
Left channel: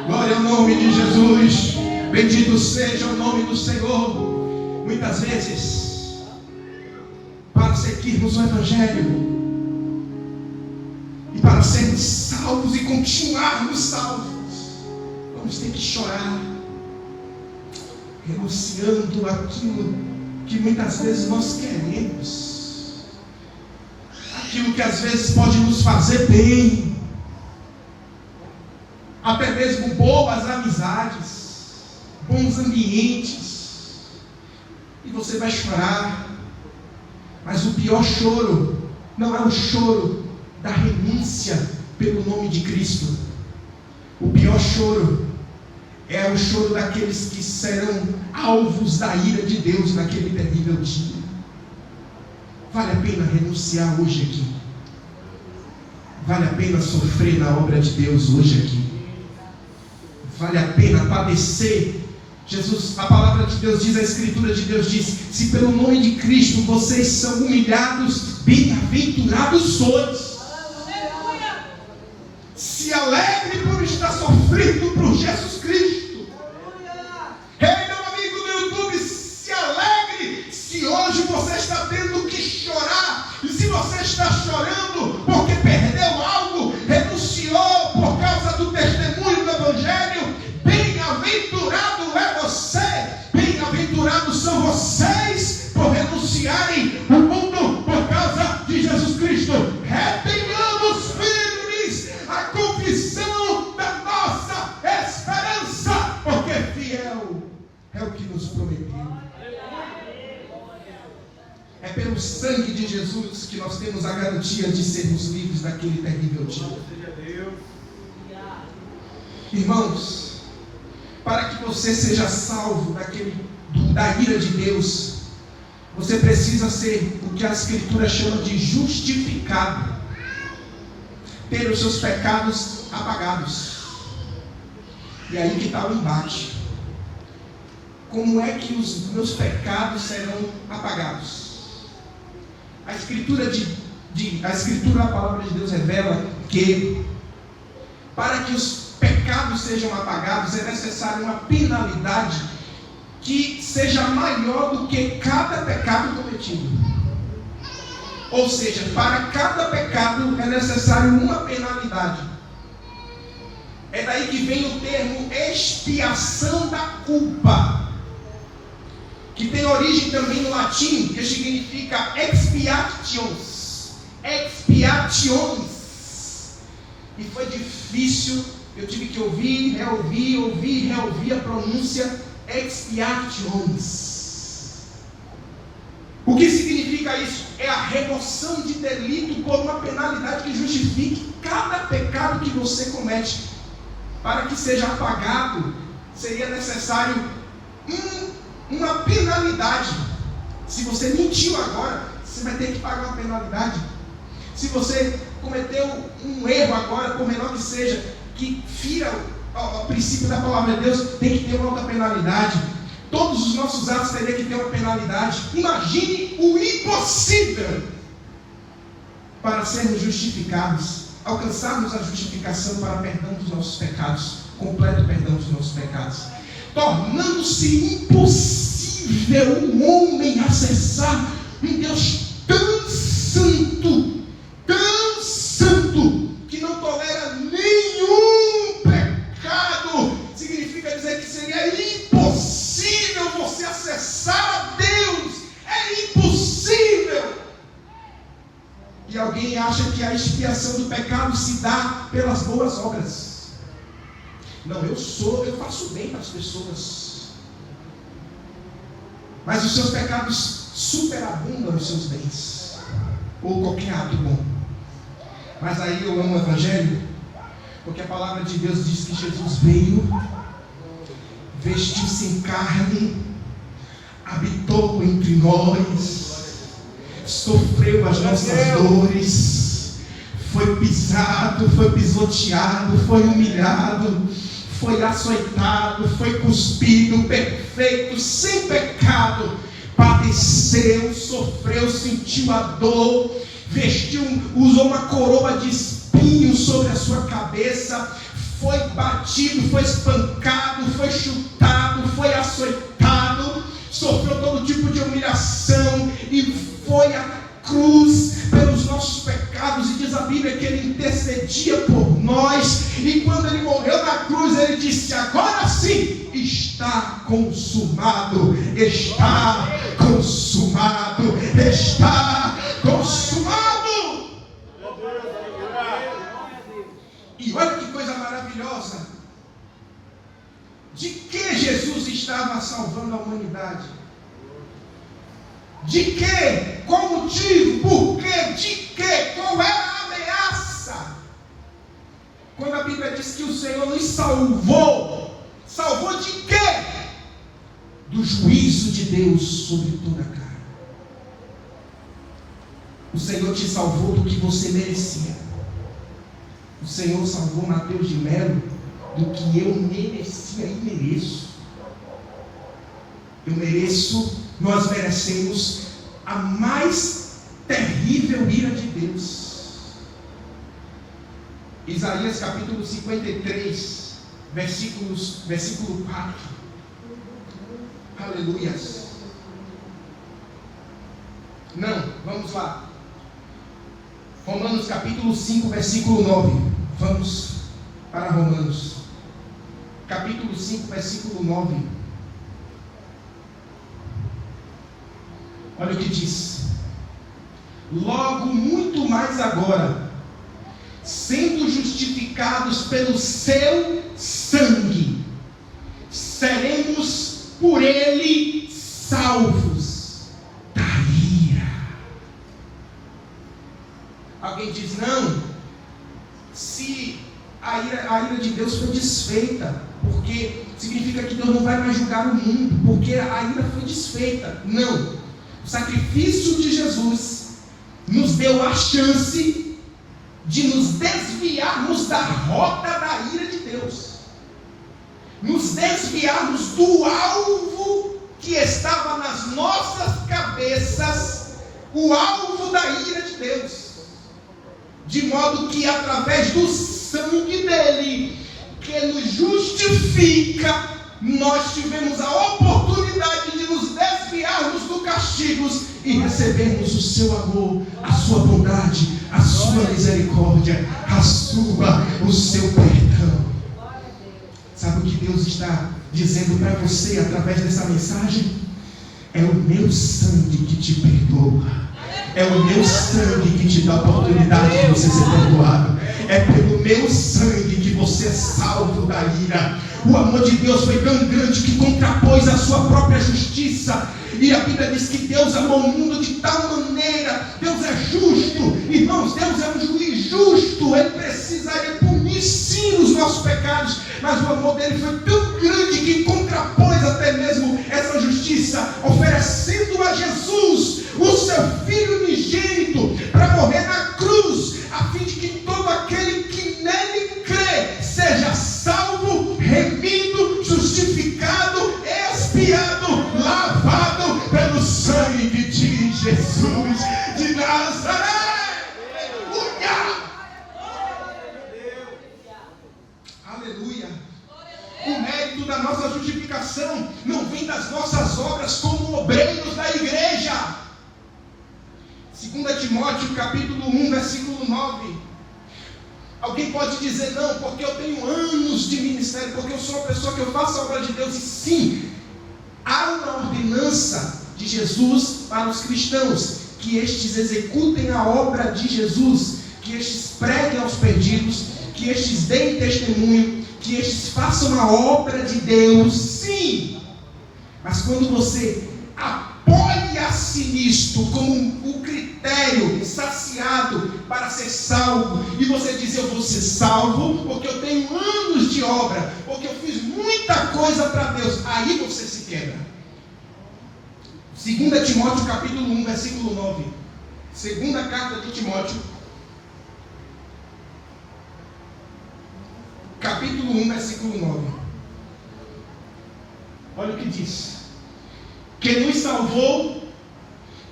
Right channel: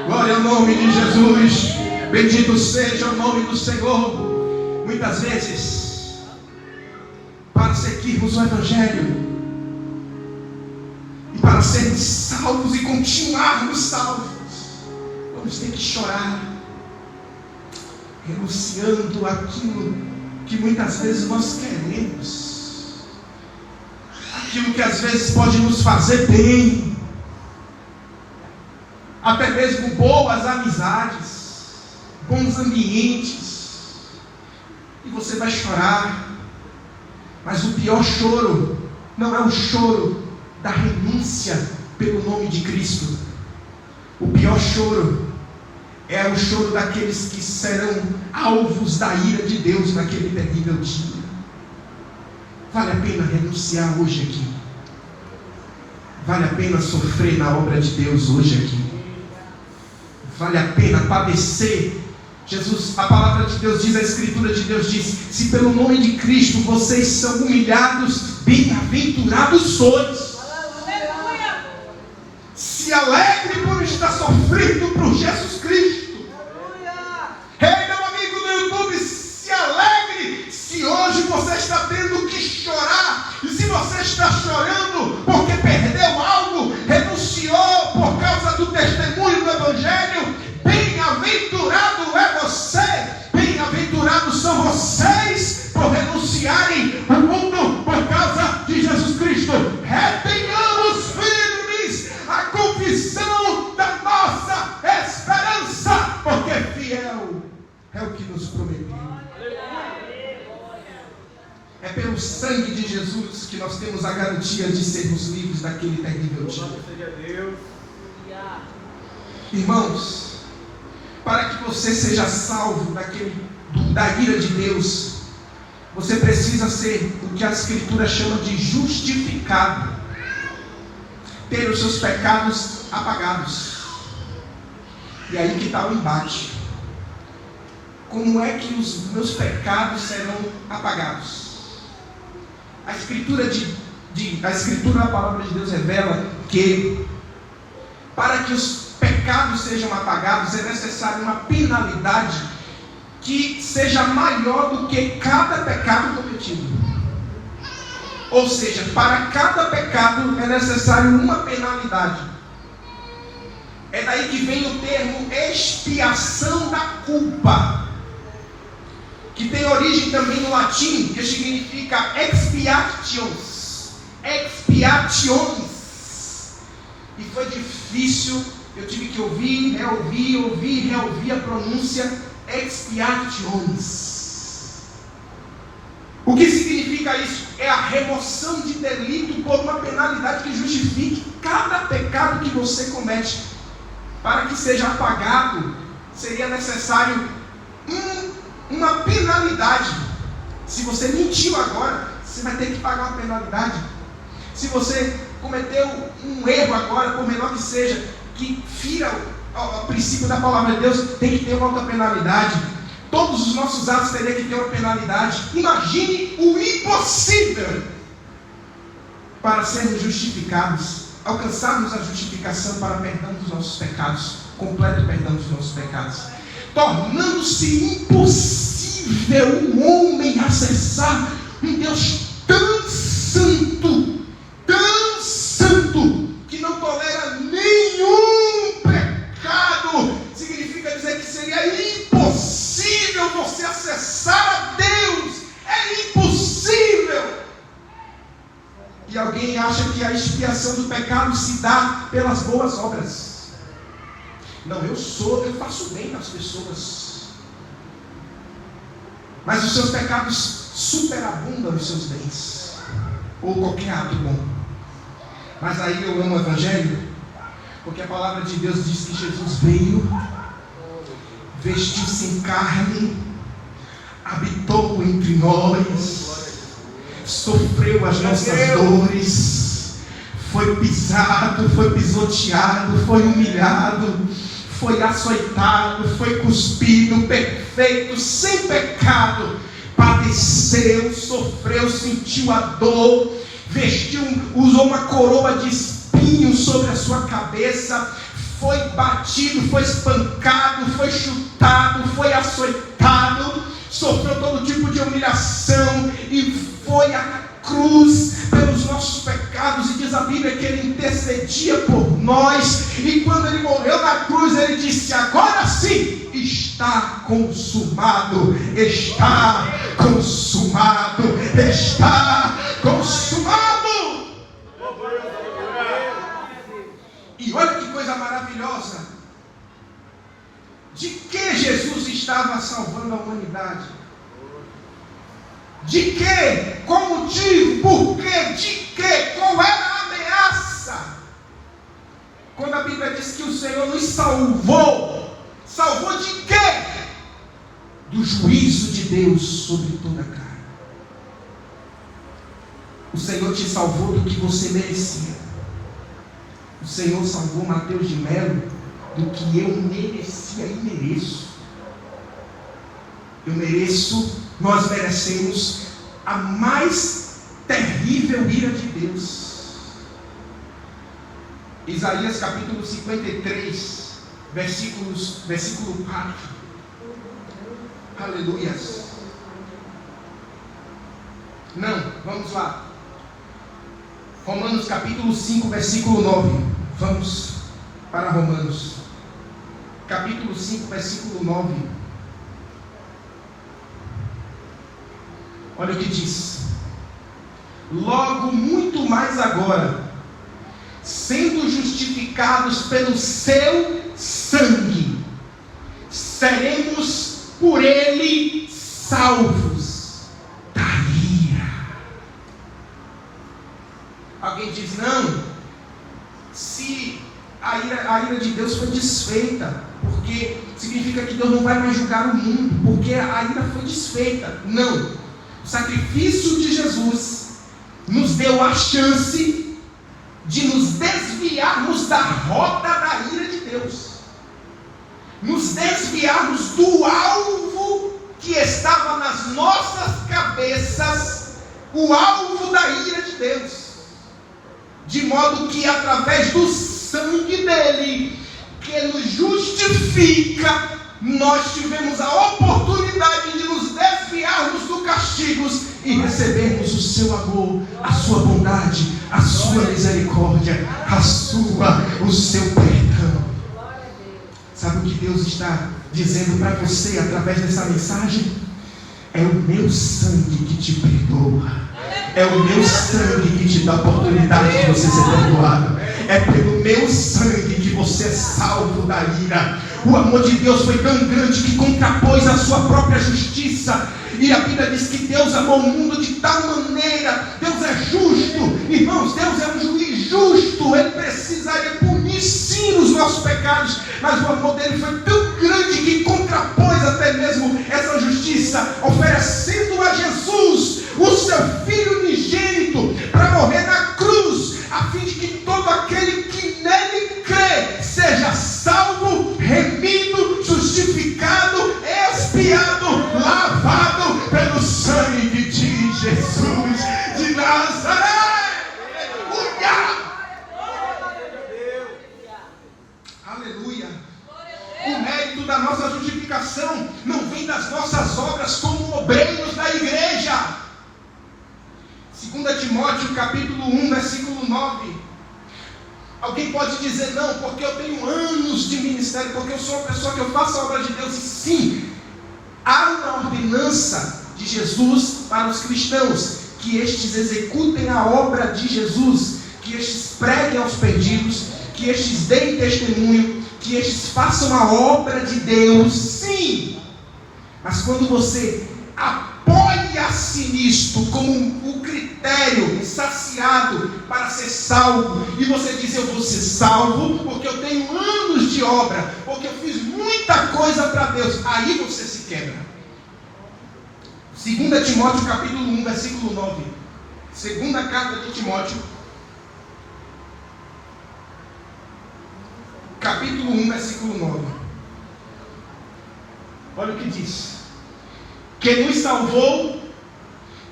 glória ao nome de Jesus. Bendito seja o nome do Senhor. Muitas vezes, para seguirmos o Evangelho e para sermos salvos e continuarmos salvos, vamos ter que chorar, renunciando aquilo que muitas vezes nós queremos, aquilo que às vezes pode nos fazer bem, até mesmo boas amizades, bons ambientes, e você vai chorar. Mas o pior choro não é o choro da renúncia pelo nome de Cristo. O pior choro é o choro daqueles que serão alvos da ira de Deus naquele terrível dia. Vale a pena renunciar hoje aqui. Vale a pena sofrer na obra de Deus hoje aqui. Vale a pena padecer. Jesus, a palavra de Deus diz, a Escritura de Deus diz: se pelo nome de Cristo vocês são humilhados, bem-aventurados sois. Se alegre por estar sofrendo por Jesus Cristo. Ei, meu amigo do YouTube, se alegre se hoje você está tendo que chorar. E se você está chorando porque perdeu algo, renunciou por causa do testemunho do Evangelho, bem-aventurado é você, bem-aventurados são vocês por renunciarem ao mundo por causa de Jesus Cristo. Retenhamos firmes a confissão da nossa esperança, porque fiel é o que nos prometeu. É pelo sangue de Jesus que nós temos a garantia de sermos livres daquele terrível dia. Irmãos, para que você seja salvo da ira de Deus, você precisa ser o que a Escritura chama de justificado, ter os seus pecados apagados. E aí que está o embate. Como é que os meus pecados serão apagados? A Escritura a Escritura, a palavra de Deus revela que para que os pecados sejam apagados é necessário uma penalidade que seja maior do que cada pecado cometido. Ou seja, para cada pecado é necessário uma penalidade. É daí que vem o termo expiação da culpa, que tem origem também no latim, que significa expiations. Expiations. E foi difícil, eu tive que ouvir a pronúncia expiations. O que significa isso? É a remoção de delito por uma penalidade que justifique cada pecado que você comete. Para que seja apagado, seria necessário uma penalidade. Se você mentiu agora, você vai ter que pagar uma penalidade. Se você cometeu um erro agora, por menor que seja, que fira o princípio da palavra de Deus, tem que ter uma outra penalidade. Todos os nossos atos teriam que ter uma penalidade. Imagine o impossível para sermos justificados, alcançarmos a justificação para perdão dos nossos pecados, completo perdão dos nossos pecados, tornando-se impossível o homem acessar um Deus tão santo, que não tolera nenhum pecado. Significa dizer que seria impossível você acessar a Deus. É impossível. E alguém acha que a expiação do pecado se dá pelas boas obras. Não, eu faço bem às pessoas. Mas os seus pecados superabundam os seus bens, ou qualquer ato bom. Mas aí eu amo o Evangelho, porque a palavra de Deus diz que Jesus veio, vestiu-se em carne, habitou entre nós, sofreu as nossas dores, foi pisado, foi pisoteado, foi humilhado, foi açoitado, foi cuspido, perfeito, sem pecado, padeceu, sofreu, sentiu a dor, usou uma coroa de espinhos sobre a sua cabeça, foi batido, foi espancado, foi chutado, foi açoitado, sofreu todo tipo de humilhação e foi à cruz pelos nossos pecados. E diz a Bíblia que ele intercedia por nós, e quando ele morreu na cruz ele disse: agora sim está consumado, está consumado, está consumado. E olha que coisa maravilhosa, de que Jesus estava salvando a humanidade? De que? Qual motivo? Por quê? De que? Qual era a ameaça? Quando a Bíblia diz que o Senhor nos salvou, salvou de quê? Do juízo de Deus sobre toda a carne. O Senhor te salvou do que você merecia. O Senhor salvou Mateus de Melo do que eu merecia e mereço. Nós merecemos a mais terrível ira de Deus. Isaías capítulo 53, versículo 4. Aleluias. Não, vamos lá. Romanos capítulo 5, versículo 9. Vamos para Romanos capítulo 5, versículo 9. Olha o que diz: logo muito mais agora, sendo justificados pelo seu sangue, seremos por ele salvos da ira. Alguém diz: não, se a ira de Deus foi desfeita, porque significa que Deus não vai mais julgar o mundo, porque a ira foi desfeita. Não. O sacrifício de Jesus nos deu a chance de nos desviarmos da rota da ira de Deus, nos desviarmos do alvo que estava nas nossas cabeças, o alvo da ira de Deus. de modo que através do sangue dele, que nos justifica, nós tivemos a oportunidade de nos desviarmos do castigo e recebermos o seu amor, a sua bondade, a sua misericórdia, o seu perdão. Sabe o que Deus está dizendo para você através dessa mensagem? É o meu sangue que te perdoa. É o meu sangue que te dá a oportunidade de você ser perdoado. É pelo meu sangue que você é salvo da ira. O amor de Deus foi tão grande que contrapôs a sua própria justiça. E a Bíblia diz que Deus amou o mundo de tal maneira. Deus é justo. Irmãos, Deus é um juiz justo. Ele precisaria punir sim os nossos pecados. Mas o amor dele foi tão grande que contrapôs até mesmo essa justiça, oferecendo a Jesus, o seu Filho unigênito, para morrer na cruz, a fim de que todo aquele que nele crê seja salvo, remido, justificado, expiado, lavado pelo sangue de Jesus de Nazaré. Aleluia. O mérito da nossa justificação não vem das nossas obras como obreiros da igreja. 2 Timóteo capítulo 1, versículo 9. Alguém pode dizer, não, porque eu tenho anos de ministério, porque eu sou uma pessoa que eu faço a obra de Deus. E sim, há uma ordenança de Jesus para os cristãos, que estes executem a obra de Jesus, que estes preguem aos perdidos, que estes deem testemunho, que estes façam a obra de Deus, sim. Mas quando você apoia-se nisto como um critério saciado para ser salvo, e você diz, eu vou ser salvo porque eu tenho anos de obra, porque eu fiz muita coisa para Deus, aí você se quebra. 2 Timóteo capítulo 1, versículo 9. Segunda carta de Timóteo, capítulo 1, versículo 9. Olha o que diz: que nos salvou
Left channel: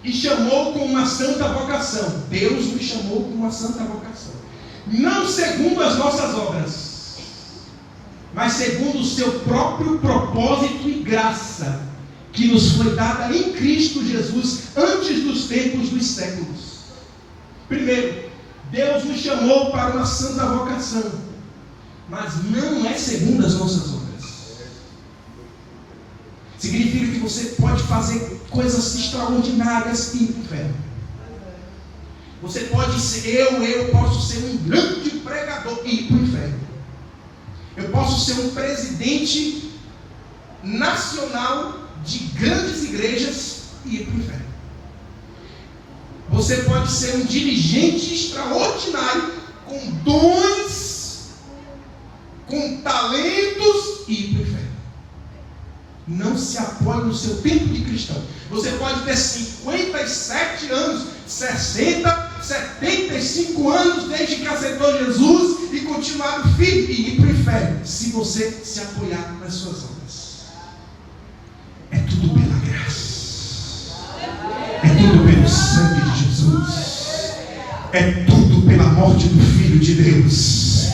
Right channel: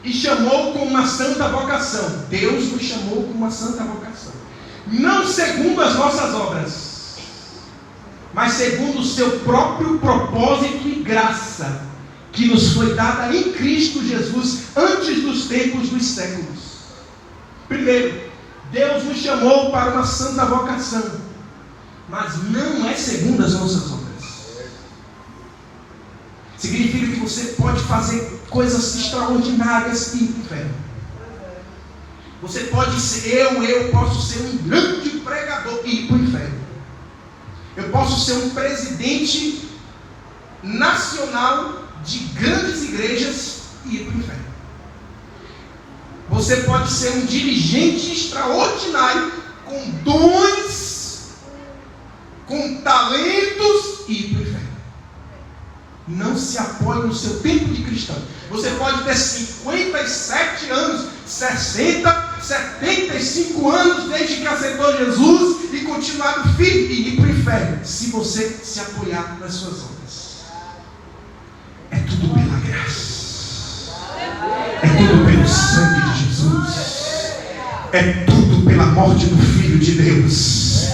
e chamou com uma santa vocação. Deus nos chamou com uma santa vocação, não segundo as nossas obras, mas segundo o seu próprio propósito e graça, que nos foi dada em Cristo Jesus antes dos tempos dos séculos. Primeiro, Deus nos chamou para uma santa vocação, mas não é segundo as nossas obras. Significa que você pode fazer coisas extraordinárias e ir para o inferno. Você pode ser, eu posso ser um grande pregador e ir para o inferno. Eu posso ser um presidente nacional de grandes igrejas e ir para o inferno. Você pode ser um dirigente extraordinário, com dons, com talentos e ir para o inferno. Não se apoie no seu tempo de cristão. Você pode ter 57 anos, 60, 75 anos desde que aceitou Jesus e continuar firme e ir para o inferno, se você se apoiar nas suas obras. É tudo pela graça, é tudo pelo sangue de Jesus, é tudo pela morte do Filho de Deus,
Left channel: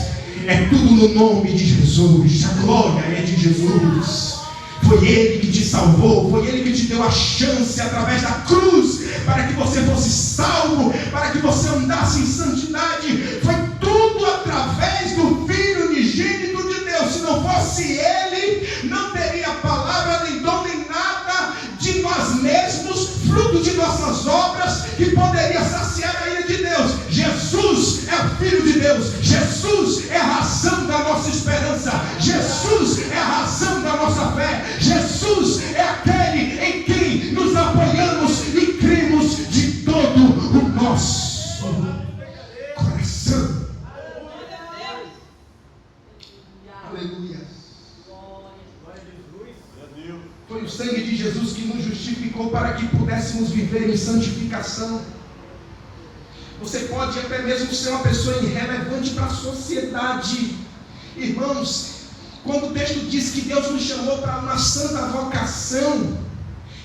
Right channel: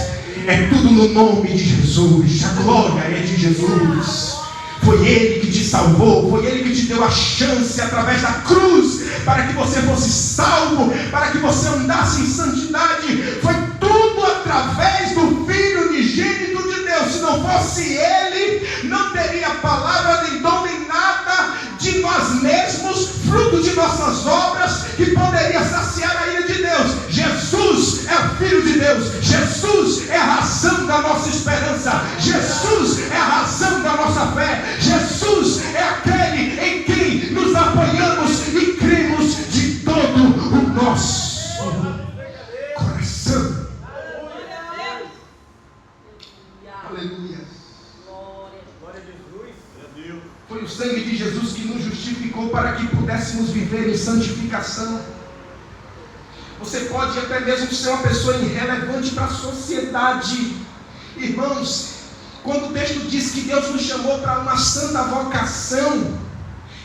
é tudo no nome de Jesus. A glória é de Jesus. Foi Ele que te salvou, foi Ele que te deu a chance através da cruz, para que você fosse salvo, para que você andasse em santidade. Foi tudo através do Filho unigênito de Deus. Se não fosse Ele, não teria palavra, nem dom, nem nada de nós mesmos, fruto de nossas obras, que poderia saciar a ira de Deus. Jesus é o Filho de Deus. Jesus é a razão da nossa esperança. Jesus é a razão da nossa fé. Jesus é aquele em quem nos apoiamos e cremos de todo o nosso coração. Aleluia. Foi o sangue de Jesus que nos justificou para que pudéssemos viver em santificação. Você pode até mesmo ser uma pessoa irrelevante para a sociedade. Irmãos, quando o texto diz que Deus nos chamou para uma santa vocação,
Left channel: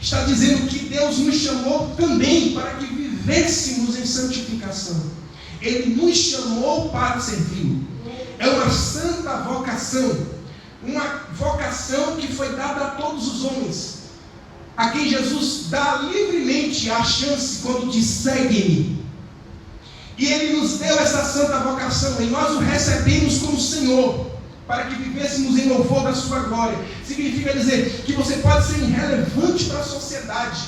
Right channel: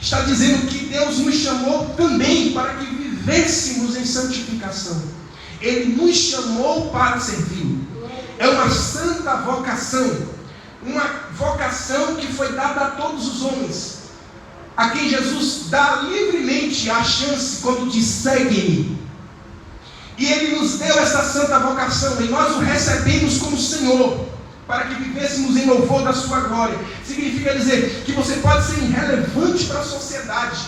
está dizendo que Deus nos chamou também para que vivêssemos em santificação. Ele nos chamou para servir. É uma santa vocação. Uma vocação que foi dada a todos os homens. A quem Jesus dá livremente a chance quando diz: segue-me. E Ele nos deu essa santa vocação. E nós o recebemos como Senhor, para que vivêssemos em louvor da sua glória. Significa dizer que você pode ser irrelevante para a sociedade,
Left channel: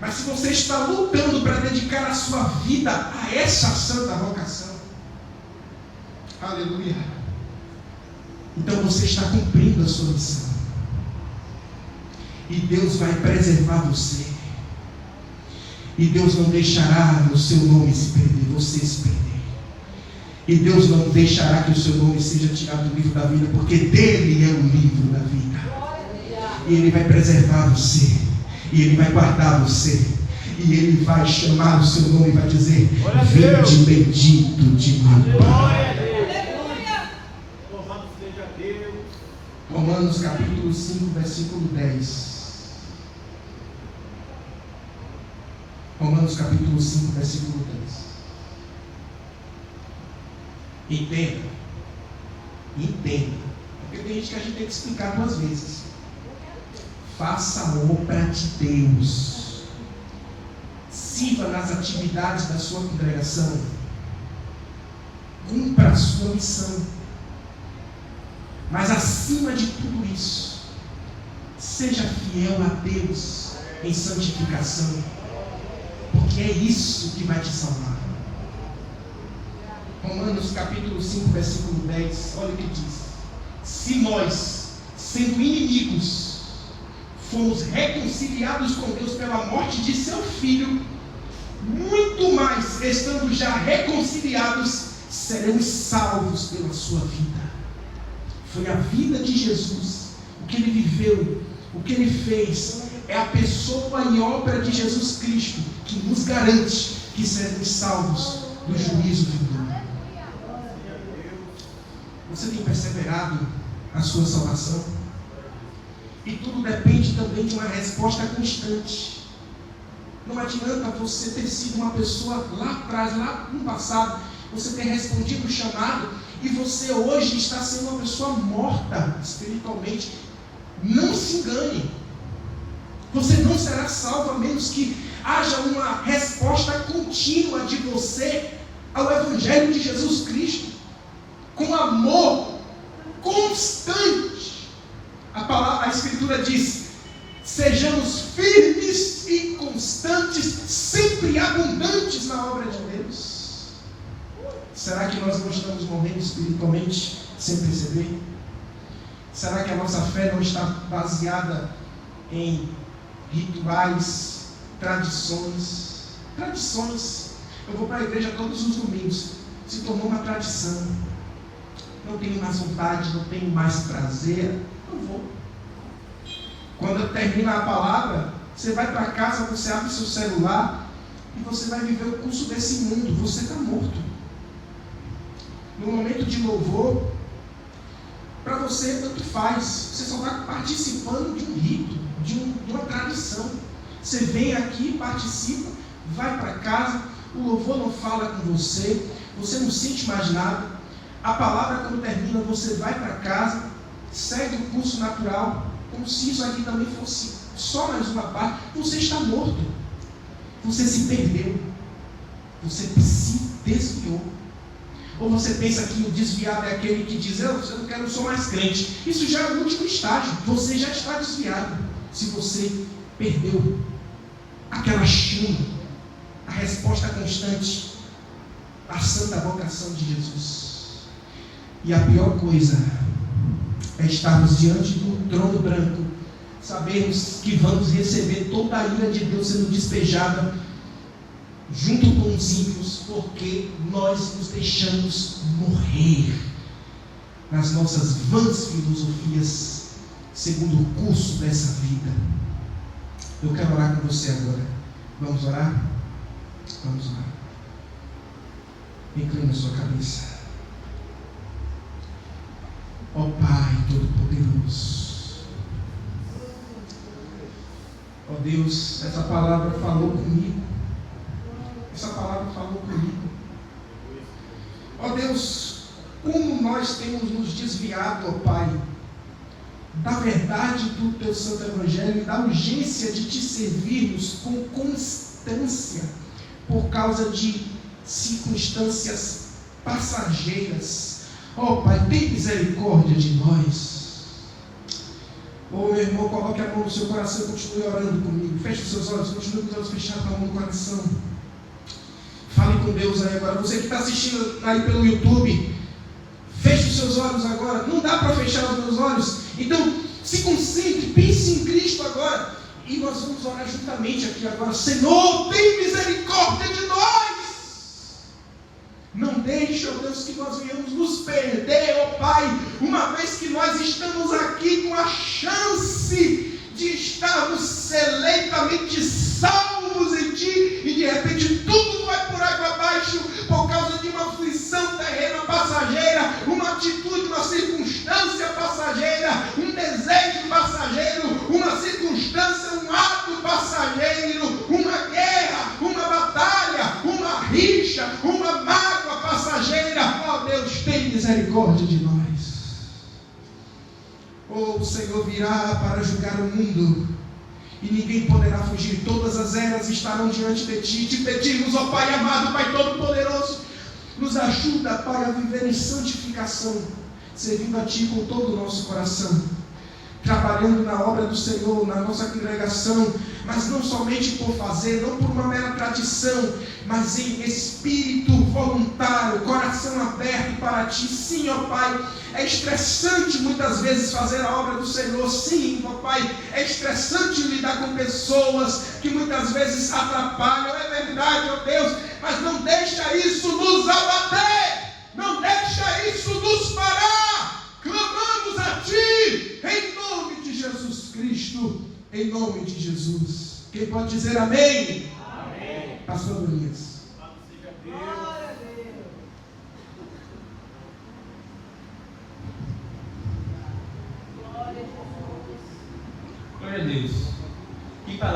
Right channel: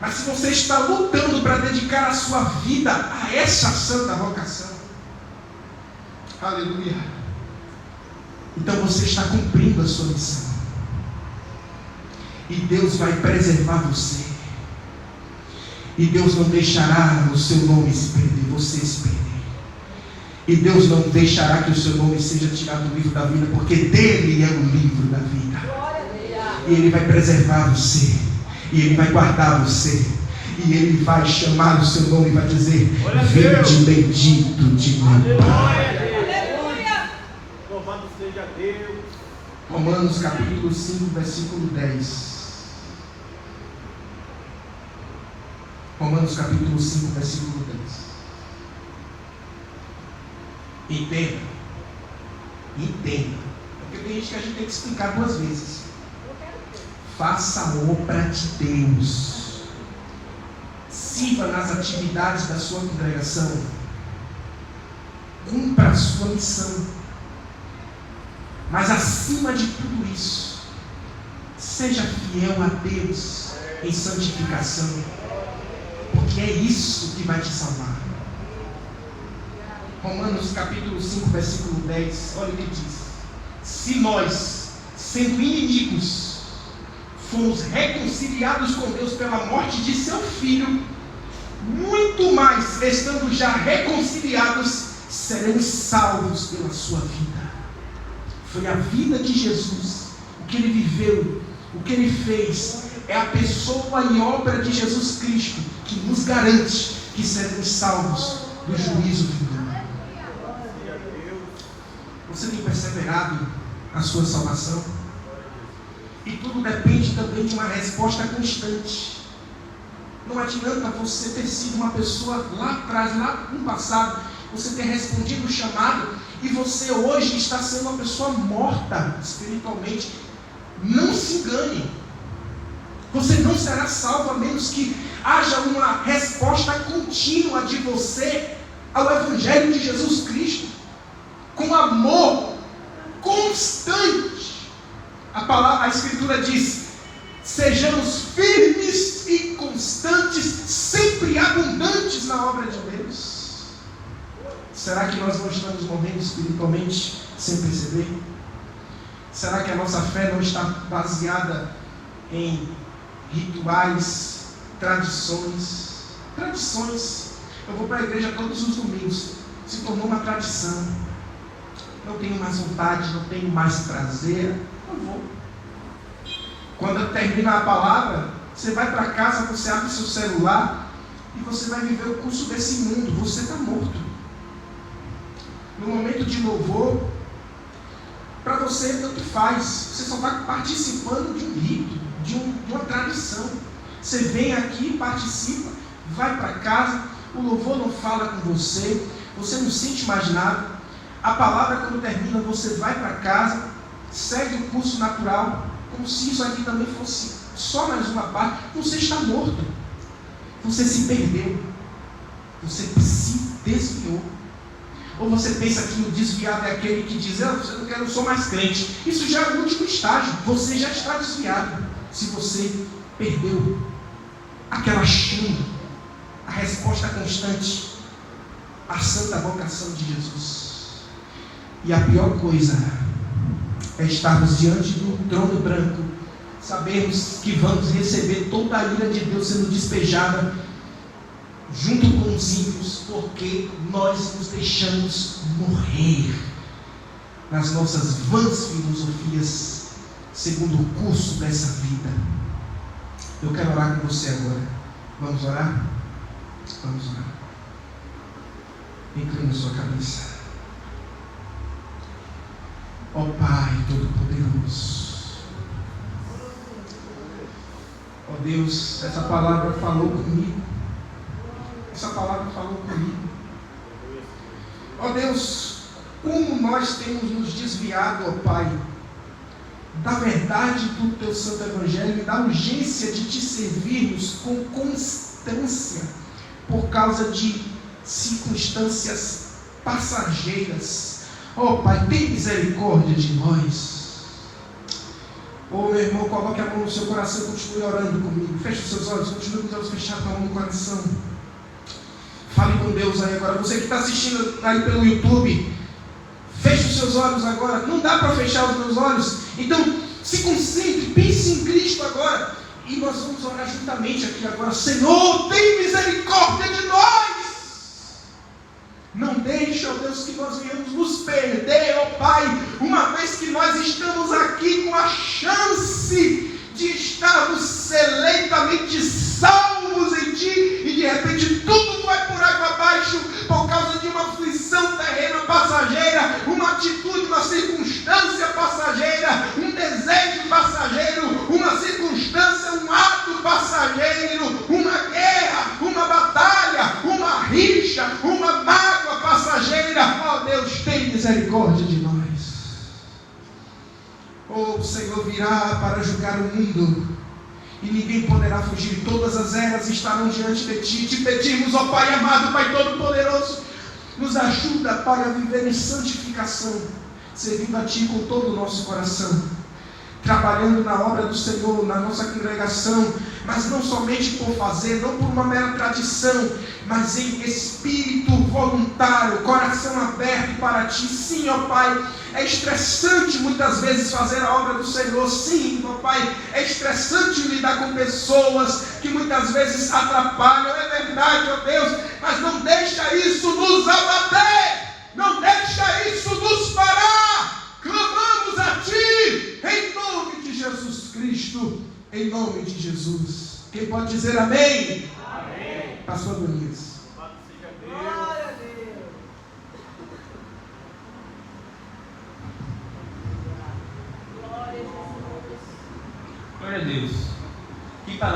mas se você está lutando para dedicar a sua vida a essa santa vocação, aleluia, então você está cumprindo a sua missão. E Deus vai preservar você. E Deus não deixará o seu nome se perder, você se perder. E Deus não deixará que o seu nome seja tirado do livro da vida, porque dele é o livro da vida. E Ele vai preservar você. E Ele vai guardar você. E Ele vai chamar o seu nome e vai dizer: vinde bendito de meu Pai. Romanos capítulo 5, versículo 10. Romanos capítulo 5, versículo 10. Entenda. Porque tem gente que a gente tem que explicar duas vezes. Faça a obra de Deus. Sirva nas atividades da sua congregação. Cumpra a sua missão. Mas acima de tudo isso, seja fiel a Deus em santificação. Porque é isso que vai te salvar. Romanos capítulo 5, versículo 10, olha o que diz: se nós, sendo inimigos, fomos reconciliados com Deus pela morte de seu Filho, muito mais, estando já reconciliados, seremos salvos pela sua vida. Foi a vida de Jesus, o que Ele viveu, o que Ele fez, é a pessoa e obra de Jesus Cristo que nos garante que seremos salvos do juízo final. Você tem perseverado na sua salvação? E tudo depende também de uma resposta constante. Não adianta você ter sido uma pessoa lá atrás, lá no passado, você ter respondido o chamado e você hoje está sendo uma pessoa morta espiritualmente. Não se engane. Você não será salvo a menos que haja uma resposta contínua de você ao Evangelho de Jesus Cristo, com amor constante. A Escritura diz: sejamos firmes e constantes, sempre abundantes na obra de Deus. Será que nós não estamos morrendo espiritualmente sem perceber? Será que a nossa fé não está baseada em rituais, tradições? Eu vou para a igreja todos os domingos, se tornou uma tradição. Não tenho mais vontade, não tenho mais prazer, não vou. Quando termina a palavra, você vai para casa, você abre seu celular e você vai viver o curso desse mundo. Você está morto. No momento de louvor, para você tanto faz, você só está participando de um rito, de uma tradição. Você vem aqui, participa, vai para casa, o louvor não fala com você, você não sente mais nada. A palavra, quando termina, você vai para casa, segue o curso natural, como se isso aqui também fosse só mais uma parte. Você está morto, você se perdeu, você se desviou. Ou você pensa que o desviado é aquele que diz: eu não sou mais crente. Isso já é o último estágio, você já está desviado. Se você perdeu aquela chama, a resposta constante, a santa vocação de Jesus. E a pior coisa é estarmos diante do trono branco, sabemos que vamos receber toda a ira de Deus sendo despejada junto com os ímpios, porque nós nos deixamos morrer nas nossas vãs filosofias, segundo o curso dessa vida. Eu quero orar com você agora. Vamos orar? Vamos orar. Inclina a sua cabeça. Ó Pai Todo-Poderoso, ó Deus, essa palavra falou comigo. Essa palavra falou comigo. Ó Deus, como nós temos nos desviado, ó Pai, da verdade do Teu Santo Evangelho, da urgência de Te servirmos com constância, por causa de circunstâncias passageiras. Ó Pai, tem misericórdia de nós. Ô meu irmão, coloque a mão no seu coração e continue orando comigo. Feche os seus olhos, continue com os olhos fechados, com a mão no coração. Fale com Deus aí agora. Você que está assistindo aí pelo YouTube, feche os seus olhos agora. Não dá para fechar os meus olhos. Então, se concentre, pense em Cristo agora. E nós vamos orar juntamente aqui agora. Senhor, tem misericórdia de nós. Não deixe, ó Deus, que nós venhamos nos perder, ó Pai, uma vez que nós estamos aqui com a chance de estarmos seleitamente salvos em Ti, e de repente tudo vai por água abaixo, por causa de uma aflição terrena passageira, uma atitude, uma circunstância passageira, um desejo passageiro, uma circunstância, um ato passageiro, uma guerra, uma batalha, uma rixa, uma mágoa passageira. Ó Deus, tem misericórdia de nós. O Senhor virá para julgar o mundo, e ninguém poderá fugir. Todas as eras estarão diante de Ti. Te pedimos, ó Pai amado, Pai Todo-Poderoso, nos ajuda, Pai, a viver em santificação, servindo a Ti com todo o nosso coração, trabalhando na obra do Senhor, na nossa congregação, mas não somente por fazer, não por uma mera tradição, mas em espírito voluntário, coração aberto para Ti. Sim, ó Pai, é estressante muitas vezes fazer a obra do Senhor. Sim, ó Pai, é estressante lidar com pessoas que muitas vezes atrapalham, é verdade, ó Deus, mas não deixa isso nos abater, não deixa isso nos parar. Clamamos a Ti, em nome de Jesus Cristo, em nome de Jesus. Quem pode dizer amém? Amém. Pastor Donias. Glória a Deus.